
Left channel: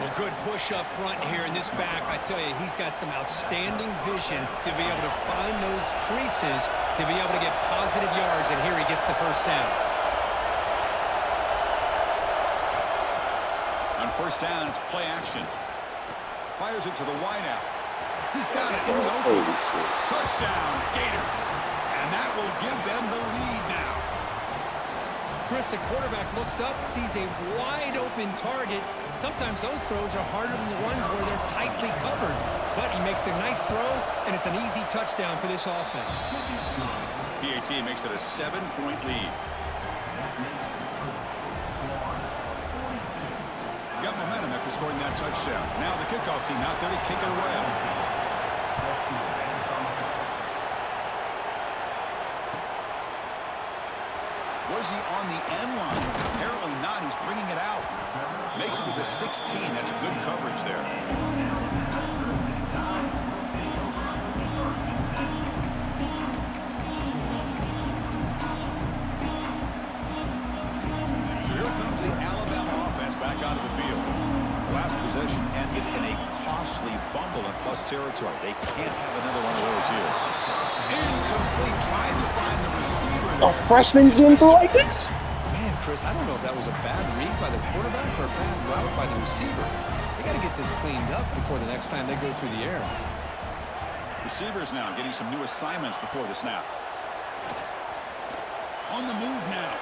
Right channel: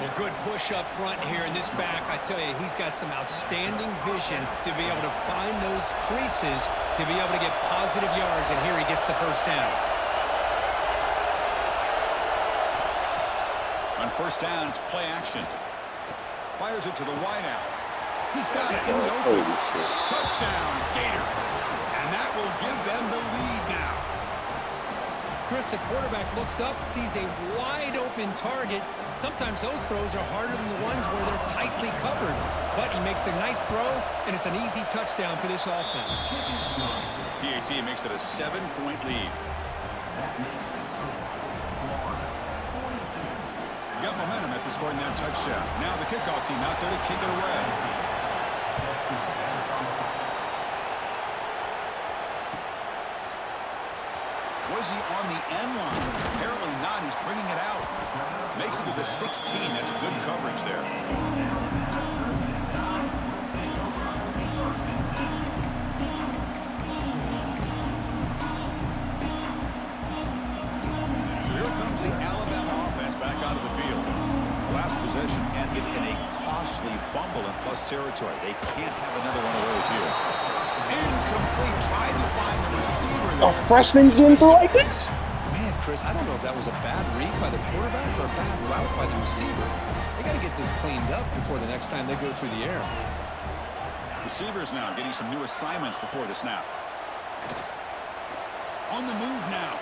Well, good push up front here in this back. I tell you, he's got some outstanding vision to be able to find those creases to be able to get positive yards, and here he gets the first down. On first down, it's play action. Fires it to the wideout. He's got it in the open. Touchdown, Gators. And that will give them the lead now. Chris, the quarterback looks up, sees a wide-open target. Sometimes those throws are harder than the ones where they're tightly covered. But he makes a nice throw, and it's an easy touchdown for this offense. PAT makes it a 7-point lead. Got momentum after scoring that touchdown. Now the kickoff team out there to kick it away. Was he on the end line? Apparently not. He's bringing it out. Makes it to the 16. That's good coverage there. So here comes the Alabama offense back out of the field. The last possession ended in a costly fumble in plus territory. They can't have another one of those here. Incomplete. Tried to find the receiver there. A freshman's getting through like this? Man, Chris, I don't know if that was a bad read by the quarterback or a bad route by the receiver. They got to get this cleaned up before the next time they go through the air. Receivers now getting some new assignments before the snap. On the move now.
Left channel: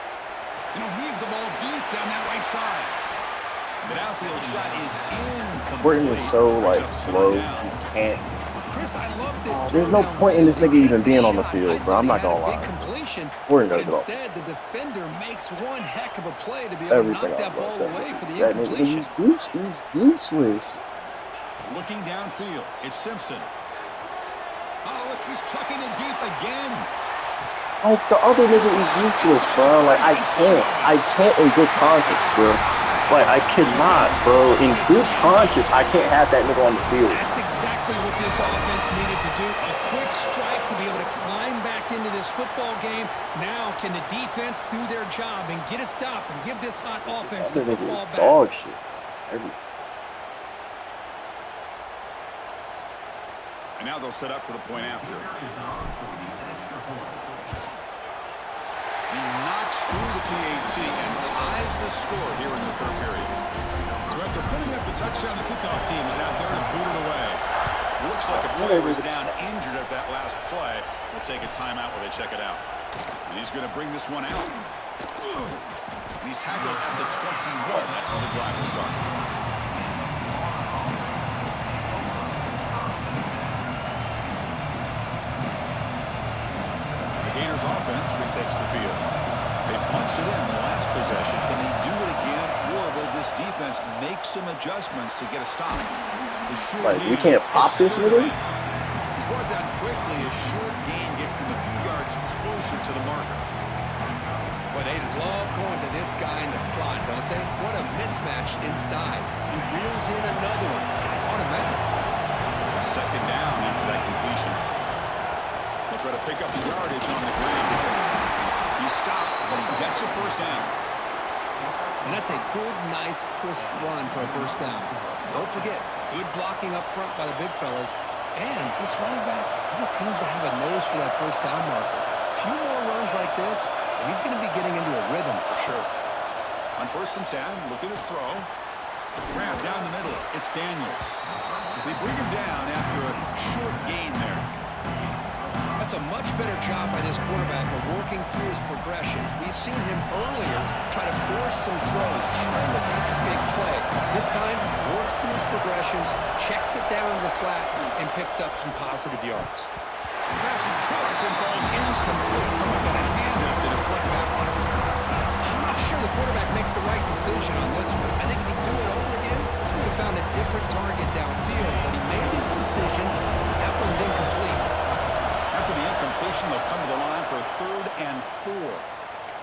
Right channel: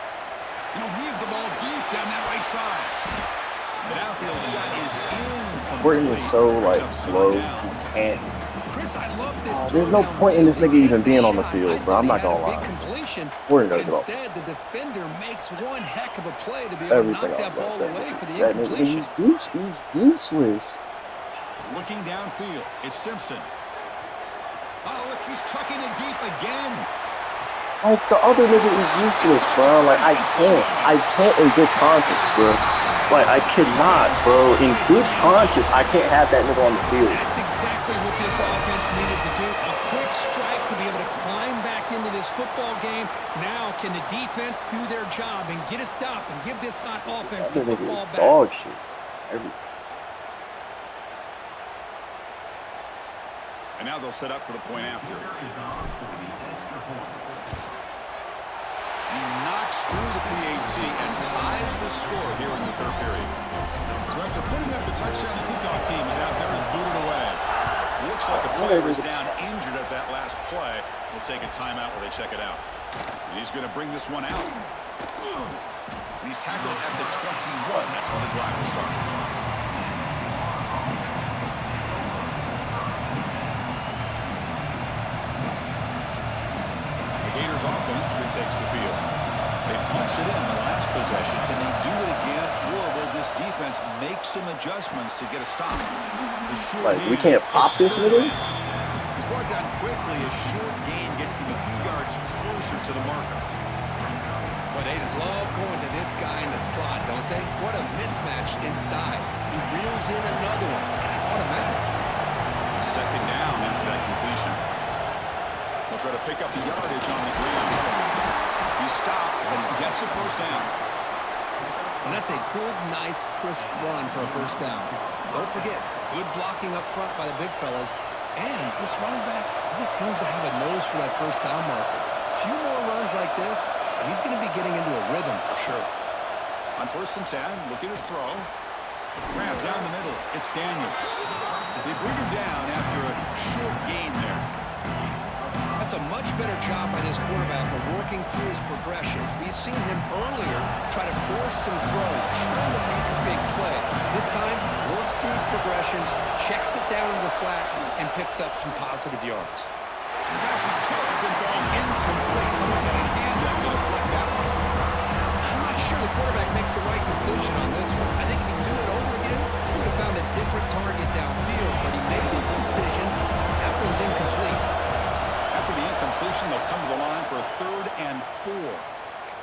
And he'll heave the ball deep down that right side. The downfield shot is incomplete. Burton is so, like, slow. You can't. Chris, I love this. There's no point in this nigga even being on the field, bro. I'm not gonna lie. We're gonna go. Instead, the defender makes one heck of a play to be able to knock that ball away for the incompletion. He's useless. Looking downfield, it's Simpson. Oh, look, he's chucking it deep again. Like, the other nigga is useless, bro. Like, I can't in good conscience, bro. Like, I cannot, bro. In good conscience, I can't have that nigga on the field. That's exactly what this offense needed to do. A quick strike to be able to climb back into this football game. Now, can the defense do their job and get a stop and give this hot offense the football back? Dog shit. And now they'll set up for the point after. He knocks through the PAT and ties the score here in the third period. So after putting up a touchdown, the kickoff team is out there to boot it away. Looks like a player is down injured at that last play. We'll take a timeout while they check it out. And he's going to bring this one out. And he's tackled at the 21. That's when the drive will start. Gators offense retakes the field. They punched it in the last possession. Can they do it again, or will this defense make some adjustments to get a stop? Like, we can't pop this nigga? It's brought down quickly. A short gain gets them a few yards closer to the marker. Well, they love going to this guy in the slot, don't they? What a mismatch inside. He reels in another one. This guy's automatic. A second down after that completion. They'll try to pick up the yardage on the ground. He stopped, but he gets a first down. And that's a good, nice, crisp run for a first down. Don't forget, good blocking up front by the big fellas. And this running back, he just seems to have a nose for that first down marker. A few more runs like this, and he's going to be getting into a rhythm for sure. On 1st and 10, looking to throw. Grab down the middle. It's Daniels. They bring him down after a short gain there. That's a much better job by this quarterback of working through his progressions. We've seen him earlier try to force some throws, trying to make a big play. This time, works through his progressions, checks it down to the flat, and picks up some positive yards. The pass is tipped and falls incomplete. Someone got a hand up to deflect that one. I'm not sure the quarterback makes the right decision on this one. I think if he'd do it over again, he would have found a different target downfield, but he made his decision. That one's incomplete. After the incompletion, they'll come to the line for a 3rd and 4.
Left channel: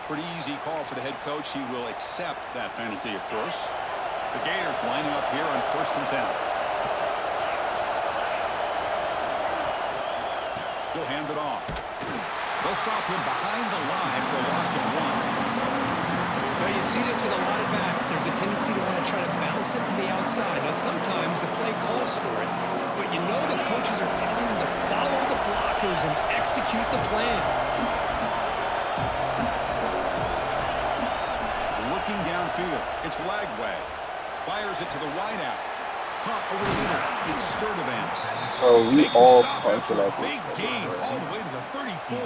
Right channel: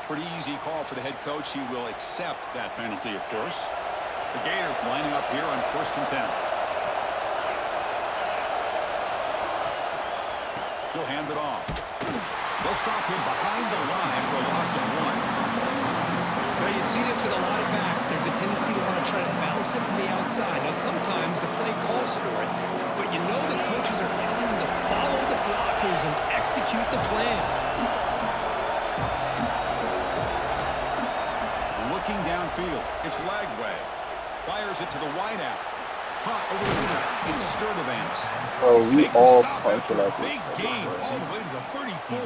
Pretty easy call for the head coach. He will accept that penalty, of course. The Gators lining up here on 1st and 10. He'll hand it off. They'll stop him behind the line for a loss of 1. Now you see this with a lot of backs. There's a tendency to want to try to bounce it to the outside. Now sometimes the play calls for it, but you know the coaches are telling them to follow the blockers and execute the plan. Looking downfield, it's Lagway. Fires it to the wideout. Caught over the middle. It's Sturdivant. Bro, we all punching at Big this. game all the way to the 34.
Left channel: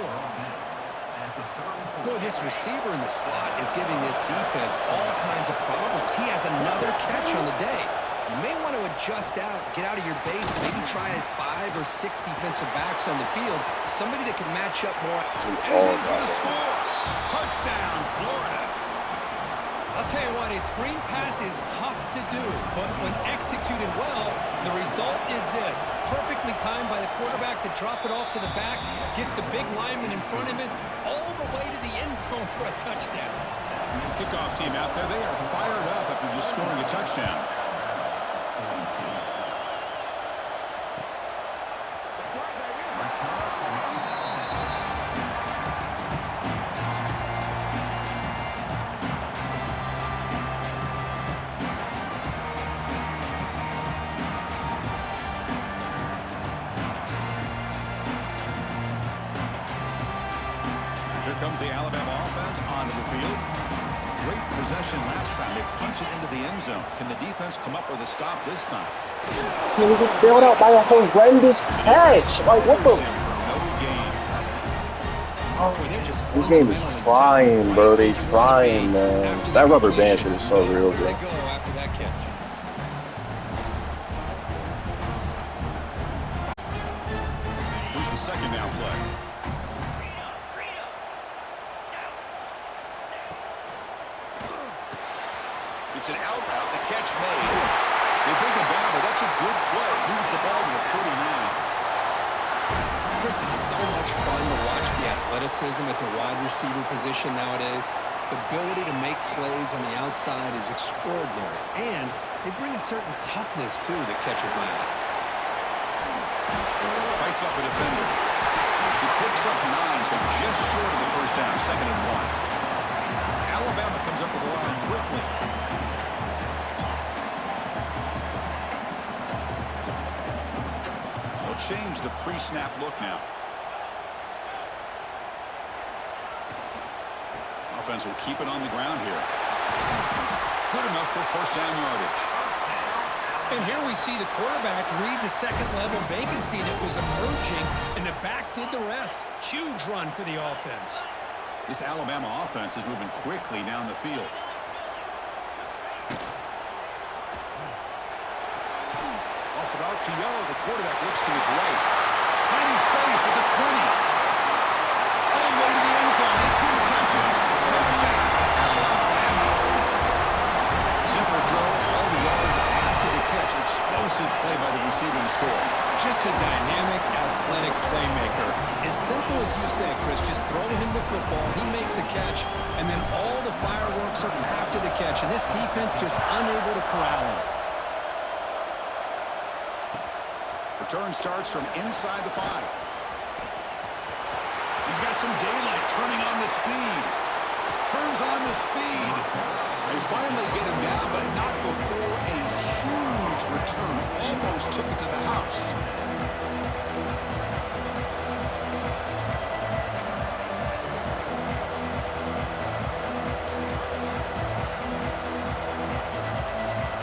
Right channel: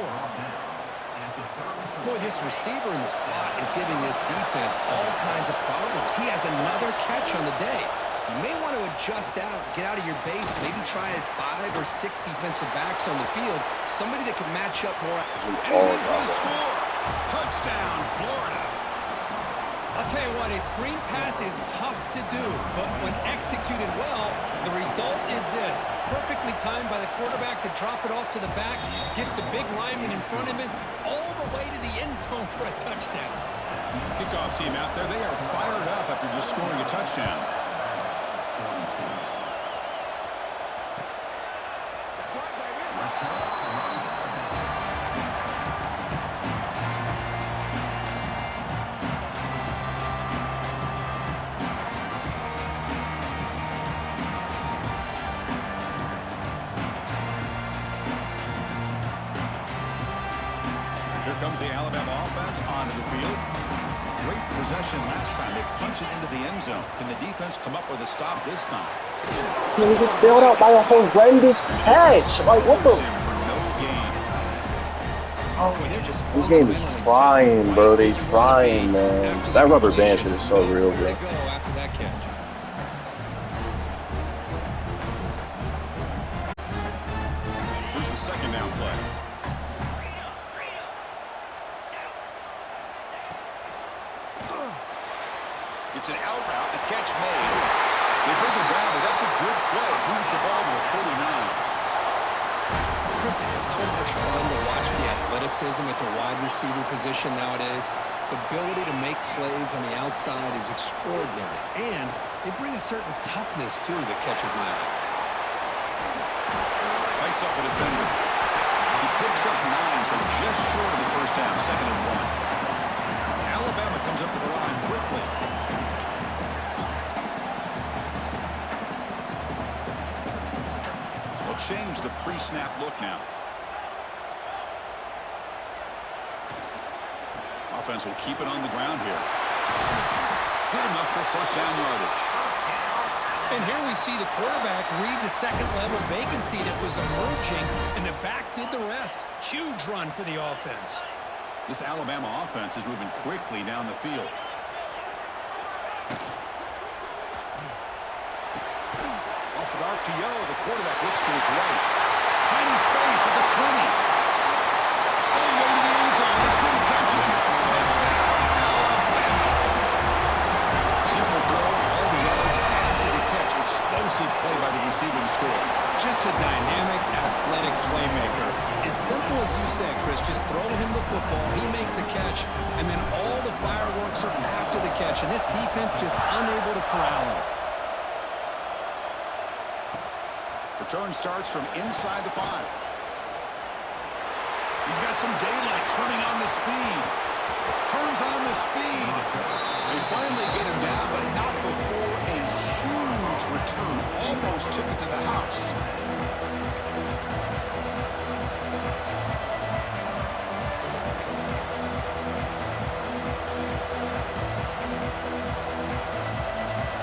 Boy, this receiver in the slot is giving this defense all kinds of problems. He has another catch on the day. You may want to adjust out, get out of your base, maybe try 5 or 6 defensive backs on the field, somebody that can match up more. And he's in for the score. Touchdown, Florida. I'll tell you what, a screen pass is tough to do, but when executed well, the result is this. Perfectly timed by the quarterback to drop it off to the back, gets the big lineman in front of him, all the way to the end zone for a touchdown. Kickoff team out there, they are fired up after just scoring a touchdown. Here comes the Alabama offense onto the field. Great possession last time. They punch it into the end zone. Can the defense come up with a stop this time? This nigga gets bailed out by a horrendous catch. Like, what the? This game is trying, bro. They trying, man. That rubber band shit is so real, bro. After that catch. Here's the second down play. It's an out route. The catch made. They bring him down, but that's a good play. Moves the ball to the 39. Chris, it's so much fun to watch the athleticism at the wide receiver position nowadays. The ability to make plays on the outside is extraordinary. And they bring a certain toughness, too, that catches my eye. Fights off a defender. He picks up 9, so just short of the first down. 2nd and 1. Alabama comes up with the line quickly. They'll change the pre-snap look now. Offense will keep it on the ground here. Good enough for first down yardage. And here we see the quarterback read the second-level vacancy that was emerging, and the back did the rest. Huge run for the offense. This Alabama offense is moving quickly down the field. Off an RPO, the quarterback looks to his right. Tiny space at the 20. All the way to the end zone. They couldn't catch him. Touchdown, Alabama. Simple throw, all the yards after the catch. explosive play by the receiver to score. Just a dynamic, athletic playmaker. As simple as you said, Chris, just throw him the football, he makes a catch, and then all the fireworks are after the catch, and this defense just unable to corral him. Return starts from inside the 5. He's got some daylight, turning on the speed. Turns on the speed. They finally get him down, but not before a huge return. Almost took it to the house.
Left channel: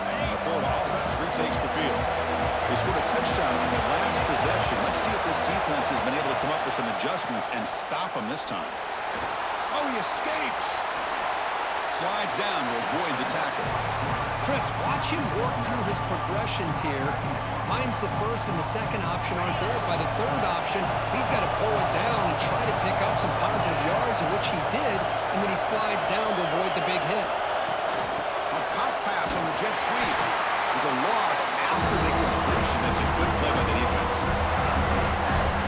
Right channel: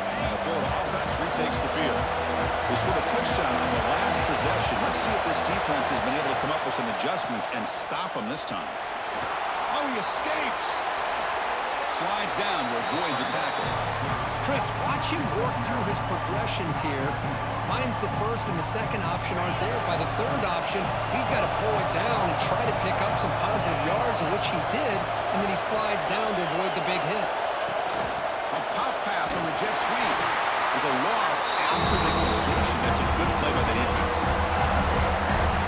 And the Florida offense retakes the field. They scored a touchdown on the last possession. Let's see if this defense has been able to come up with some adjustments and stop them this time. Oh, he escapes. Slides down to avoid the tackle. Chris, watch him work through his progressions here. Finds the first and the second option aren't there. By the third option, he's got to pull it down and try to pick up some positive yards, of which he did, and then he slides down to avoid the big hit. A pop pass on the jet sweep. There's a loss after the completion. That's a good play by the defense.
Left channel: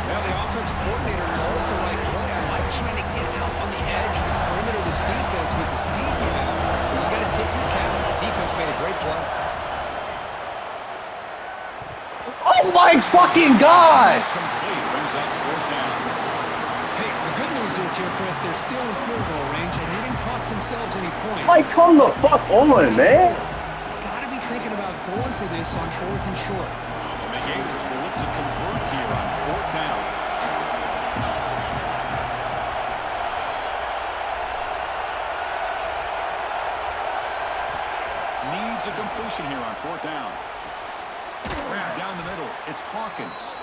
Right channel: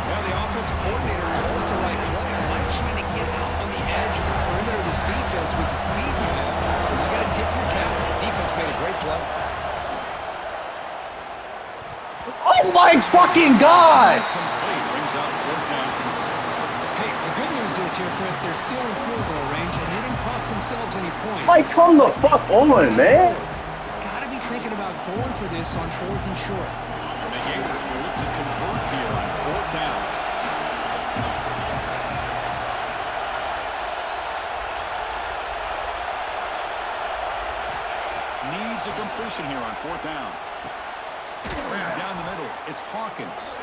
Now the offensive coordinator calls the right play. I like trying to get out on the edge of the perimeter of this defense with the speed you have. But you got to tip your cap. The defense made a great play. Oh my fucking God! Complete, brings up 4th down. Hey, the good news is here, Chris, they're still in field goal range, and they didn't cost themselves any points. Like, come the fuck on, man. Got to be thinking about going for this on 4th and short. And the Gators will look to convert here on 4th down. Needs a completion here on 4th down. Ran down the middle. It's Hawkins.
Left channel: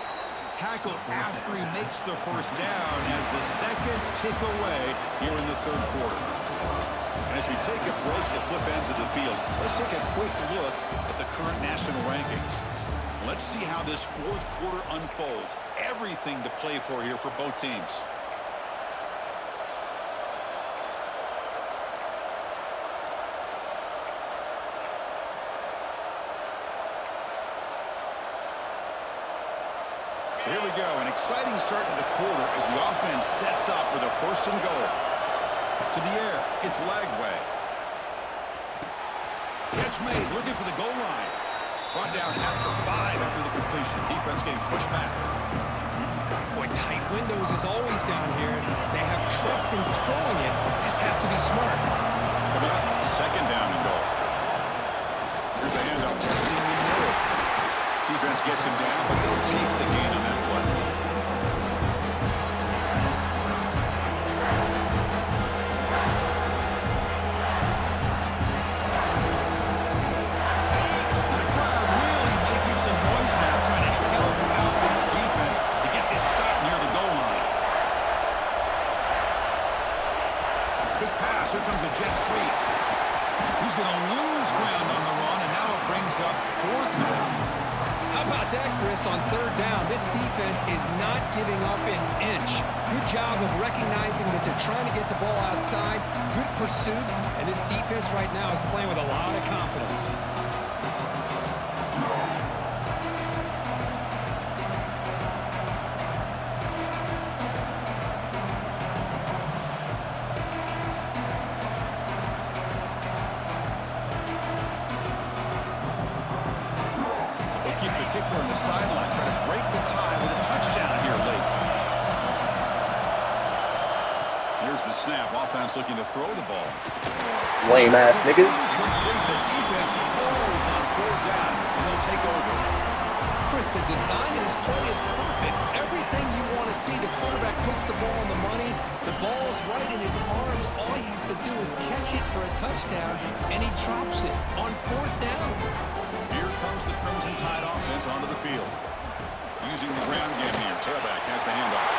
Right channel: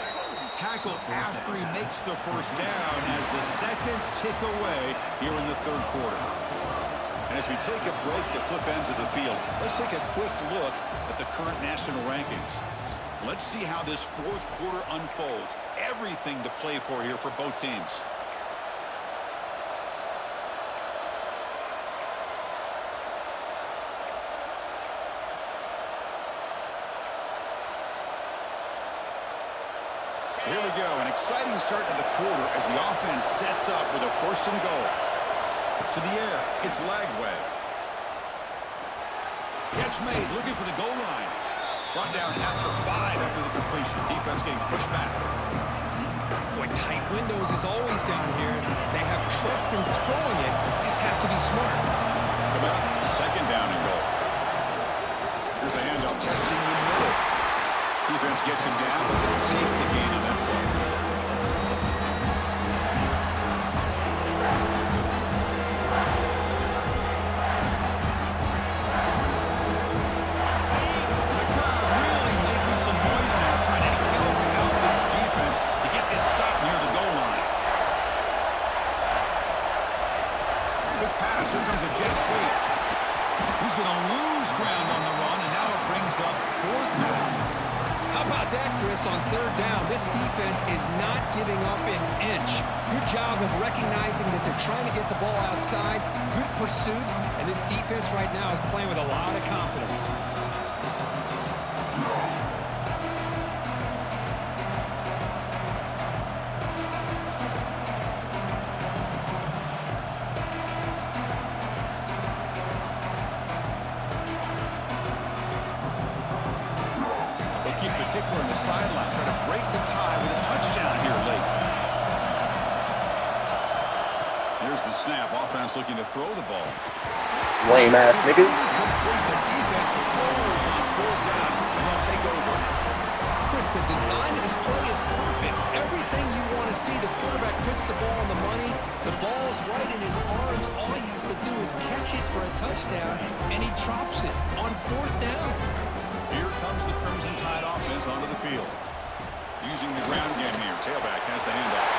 Tackle after he makes the first down as the seconds tick away here in the 3rd quarter. And as we take a break to flip ends of the field, let's take a quick look at the current national rankings. Let's see how this 4th quarter unfolds. Everything to play for here for both teams. So here we go, an exciting start to the quarter as the offense sets up with a 1st and goal. To the air, it's Lagway. Catch made, looking for the goal line. Brought down at the 5 after the completion. Defense getting pushed back. Boy, tight windows is always down here. They have trust in throwing it. They just have to be smart. Coming up, 2nd down and goal. Here's the handoff, testing the middle. Defense gets him down, but they'll take the gain on that play. The crowd really making some noise now, trying to help out this defense to get this stop near the goal line. Quick pass, here comes a jet sweep. He's going to lose ground on the run, and now it brings up 4th down. How about that, Chris, on 3rd down? This defense is not giving up an inch. Good job of recognizing that they're trying to get the ball outside. Good pursuit, and this defense right now is playing with a lot of confidence. Keep the kicker on the sideline, trying to break the tie with a touchdown here late. Here's the snap. Offense looking to throw the ball. Lame ass nigga. Incomplete. The defense holds on 4th down, and they'll take over. Chris, the design of this play is perfect. Everything you want to see. The quarterback puts the ball on the money. The ball's right in his arms. All he has to do is catch it for a touchdown, and he drops it on 4th down. Here comes the Crimson Tide offense onto the field. Using the ground game here. Tailback has the handoff.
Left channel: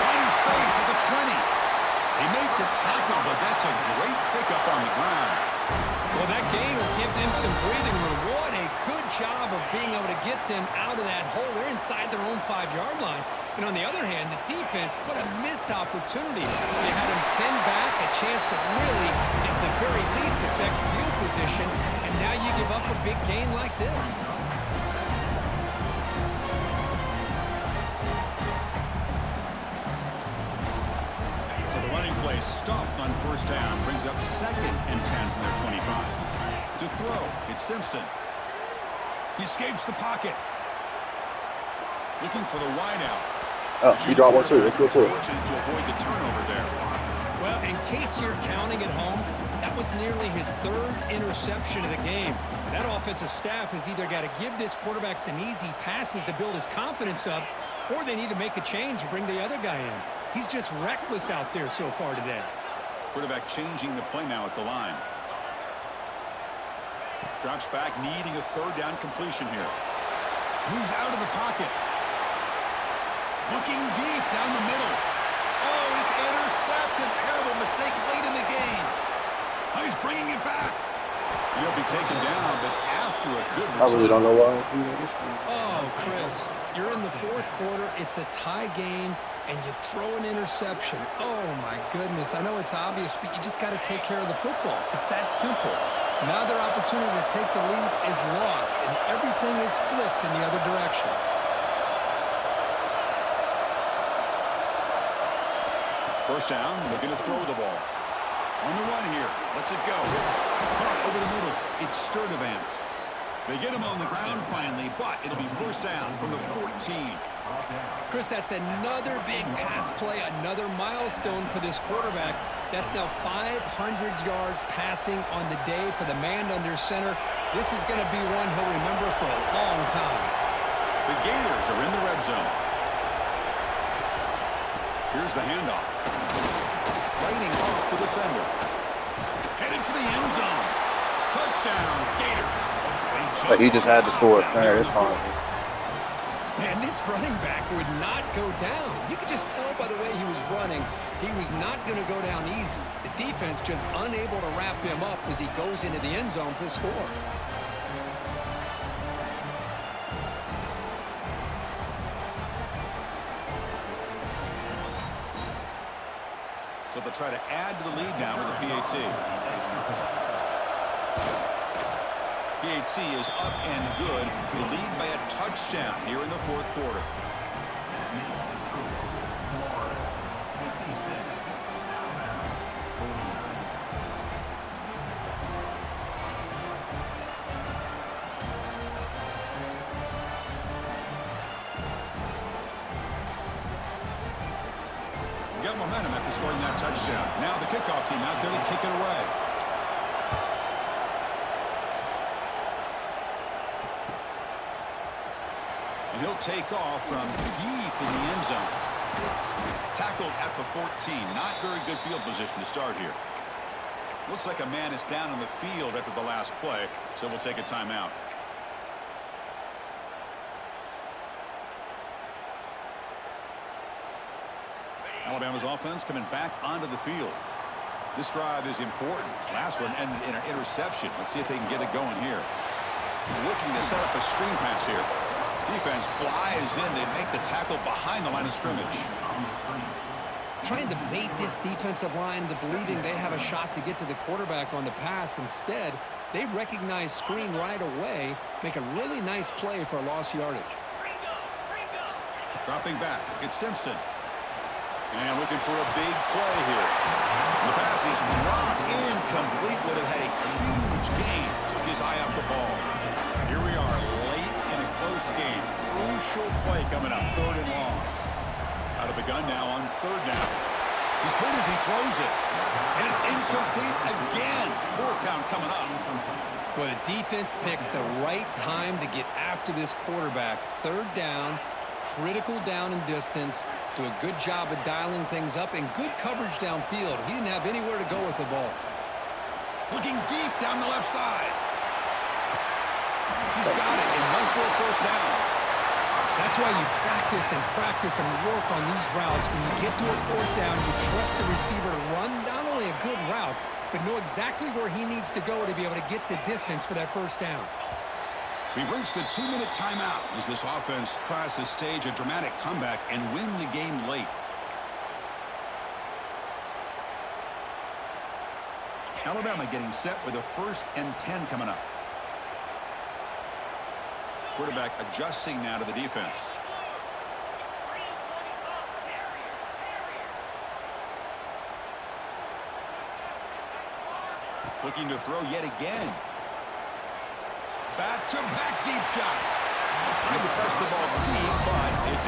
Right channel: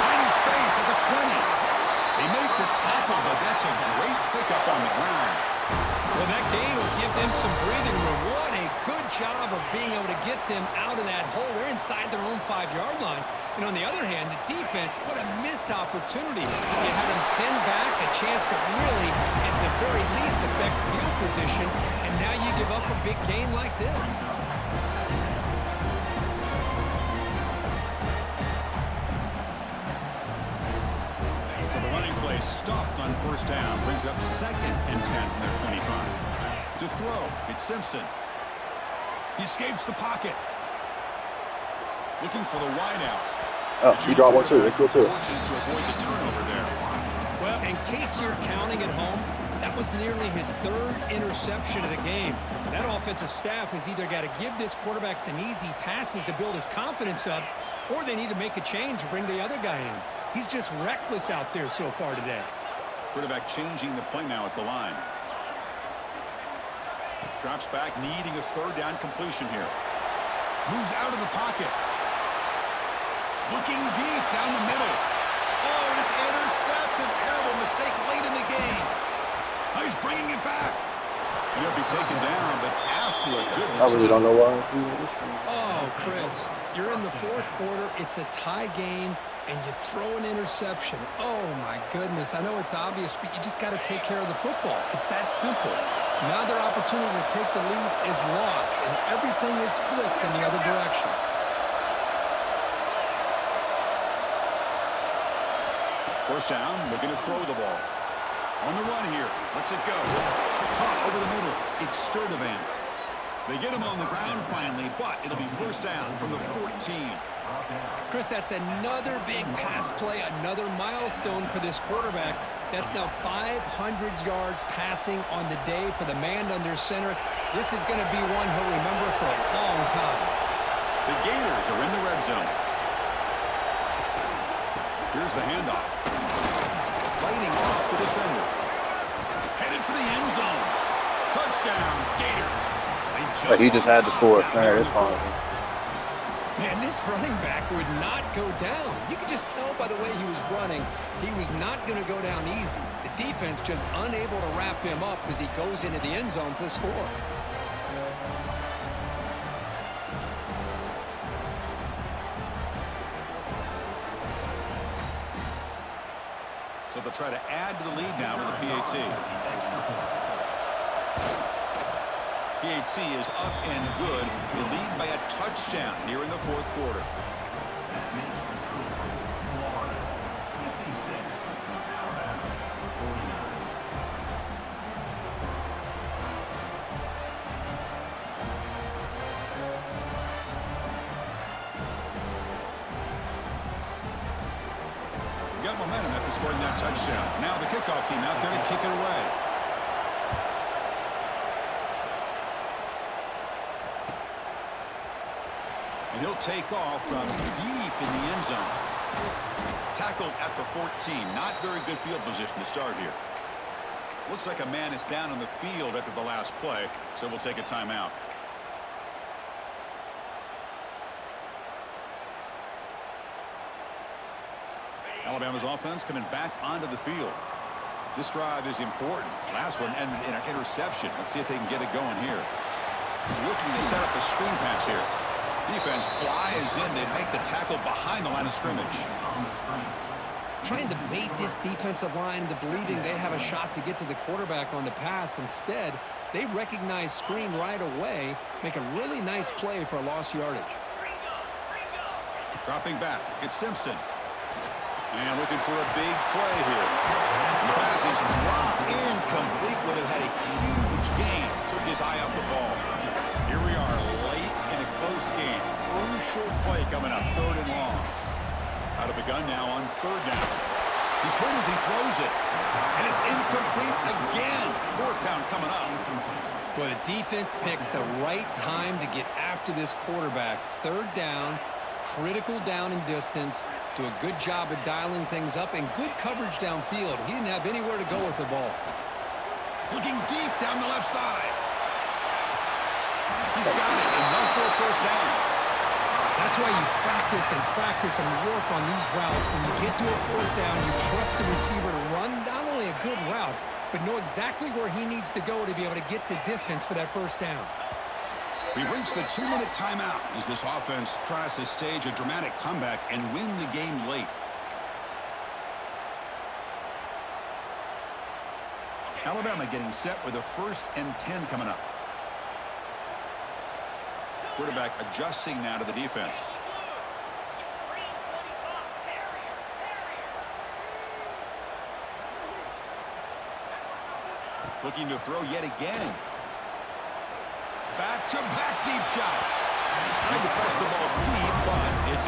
Finding space at the 20. They make the tackle, but that's a great pickup on the ground. Well, that gain will give them some breathing room. What a good job of being able to get them out of that hole. They're inside their own 5-yard line. And on the other hand, the defense put a missed opportunity. You had them pinned back, a chance to really, at the very least, affect field position. And now you give up a big gain like this. play stuffed on first down. Brings up 2nd and 10 from their 25. To throw, it's Simpson. He escapes the pocket. Looking for the wideout. Oh, he dropped one too. Let's go too. Fortunate to avoid the turnover there. Well, in case you're counting at home, that was nearly his 3rd interception of the game. That offensive staff has either got to give this quarterback some easy passes to build his confidence up, or they need to make a change and bring the other guy in. He's just reckless out there so far today. Quarterback changing the play now at the line. Drops back, needing a 3rd down completion here. Moves out of the pocket. Looking deep down the middle. Oh, and it's intercepted. Terrible mistake late in the game. Oh, he's bringing it back. And he'll be taken down, but after a good return. I really don't know why. Oh, Chris, you're in the 4th quarter. It's a tie game, and you throw an interception. Oh, my goodness. I know it's obvious, but you just got to take care of the football. It's that simple. Now their opportunity to take the lead is lost, and everything is flipped in the other direction. First down, looking to throw the ball. On the run here. Lets it go. Caught over the middle. It's Sturdivant. They get him on the ground finally, but it'll be first down from the 14. Chris, that's another big pass play, another milestone for this quarterback. That's now 500 yards passing on the day for the man under center. This is going to be one he'll remember for a long time. The Gators are in the red zone. Here's the handoff. Fighting off the defender. Headed for the end zone. Touchdown, Gators. Like he just had to score. Man, it's fine. Man, this running back would not go down. You could just tell by the way he was running, he was not going to go down easy. The defense just unable to wrap him up as he goes into the end zone for the score. So they'll try to add to the lead now with the PAT. PAT is up and good. They lead by a touchdown here in the 4th quarter. That makes the score Florida 56, Alabama 49. Got momentum after scoring that touchdown. Now the kickoff team out there to kick it away. And he'll take off from deep in the end zone. Tackled at the 14. Not very good field position to start here. Looks like a man is down on the field after the last play, so we'll take a timeout. Alabama's offense coming back onto the field. This drive is important. Last one ended in an interception. Let's see if they can get it going here. Looking to set up a screen pass here. Defense flies in. They make the tackle behind the line of scrimmage. Trying to bait this defensive line into believing they have a shot to get to the quarterback on the pass. Instead, they recognize screen right away, make a really nice play for a lost yardage. Dropping back, it's Simpson. And looking for a big play here. And the pass is dropped incomplete. Would have had a huge gain. Took his eye off the ball. Here we are late in a close game. Crucial play coming up. 3rd and long. Out of the gun now on 3rd down. He's hit as he throws it. And it's incomplete again. 4th down coming up. Well, the defense picks the right time to get after this quarterback. 3rd down. Critical down and distance. Do a good job of dialing things up and good coverage downfield. He didn't have anywhere to go with the ball. Looking deep down the left side. He's got it, enough for a first down. That's why you practice and work on these routes. When you get to a 4th down, you trust the receiver to run not only a good route, but know exactly where he needs to go to be able to get the distance for that first down. We've reached the 2-minute timeout as this offense tries to stage a dramatic comeback and win the game late. Alabama getting set with a 1st and 10 coming up. Quarterback adjusting now to the defense. Looking to throw yet again. Back-to-back deep shots. Tried to press the ball deep, but it's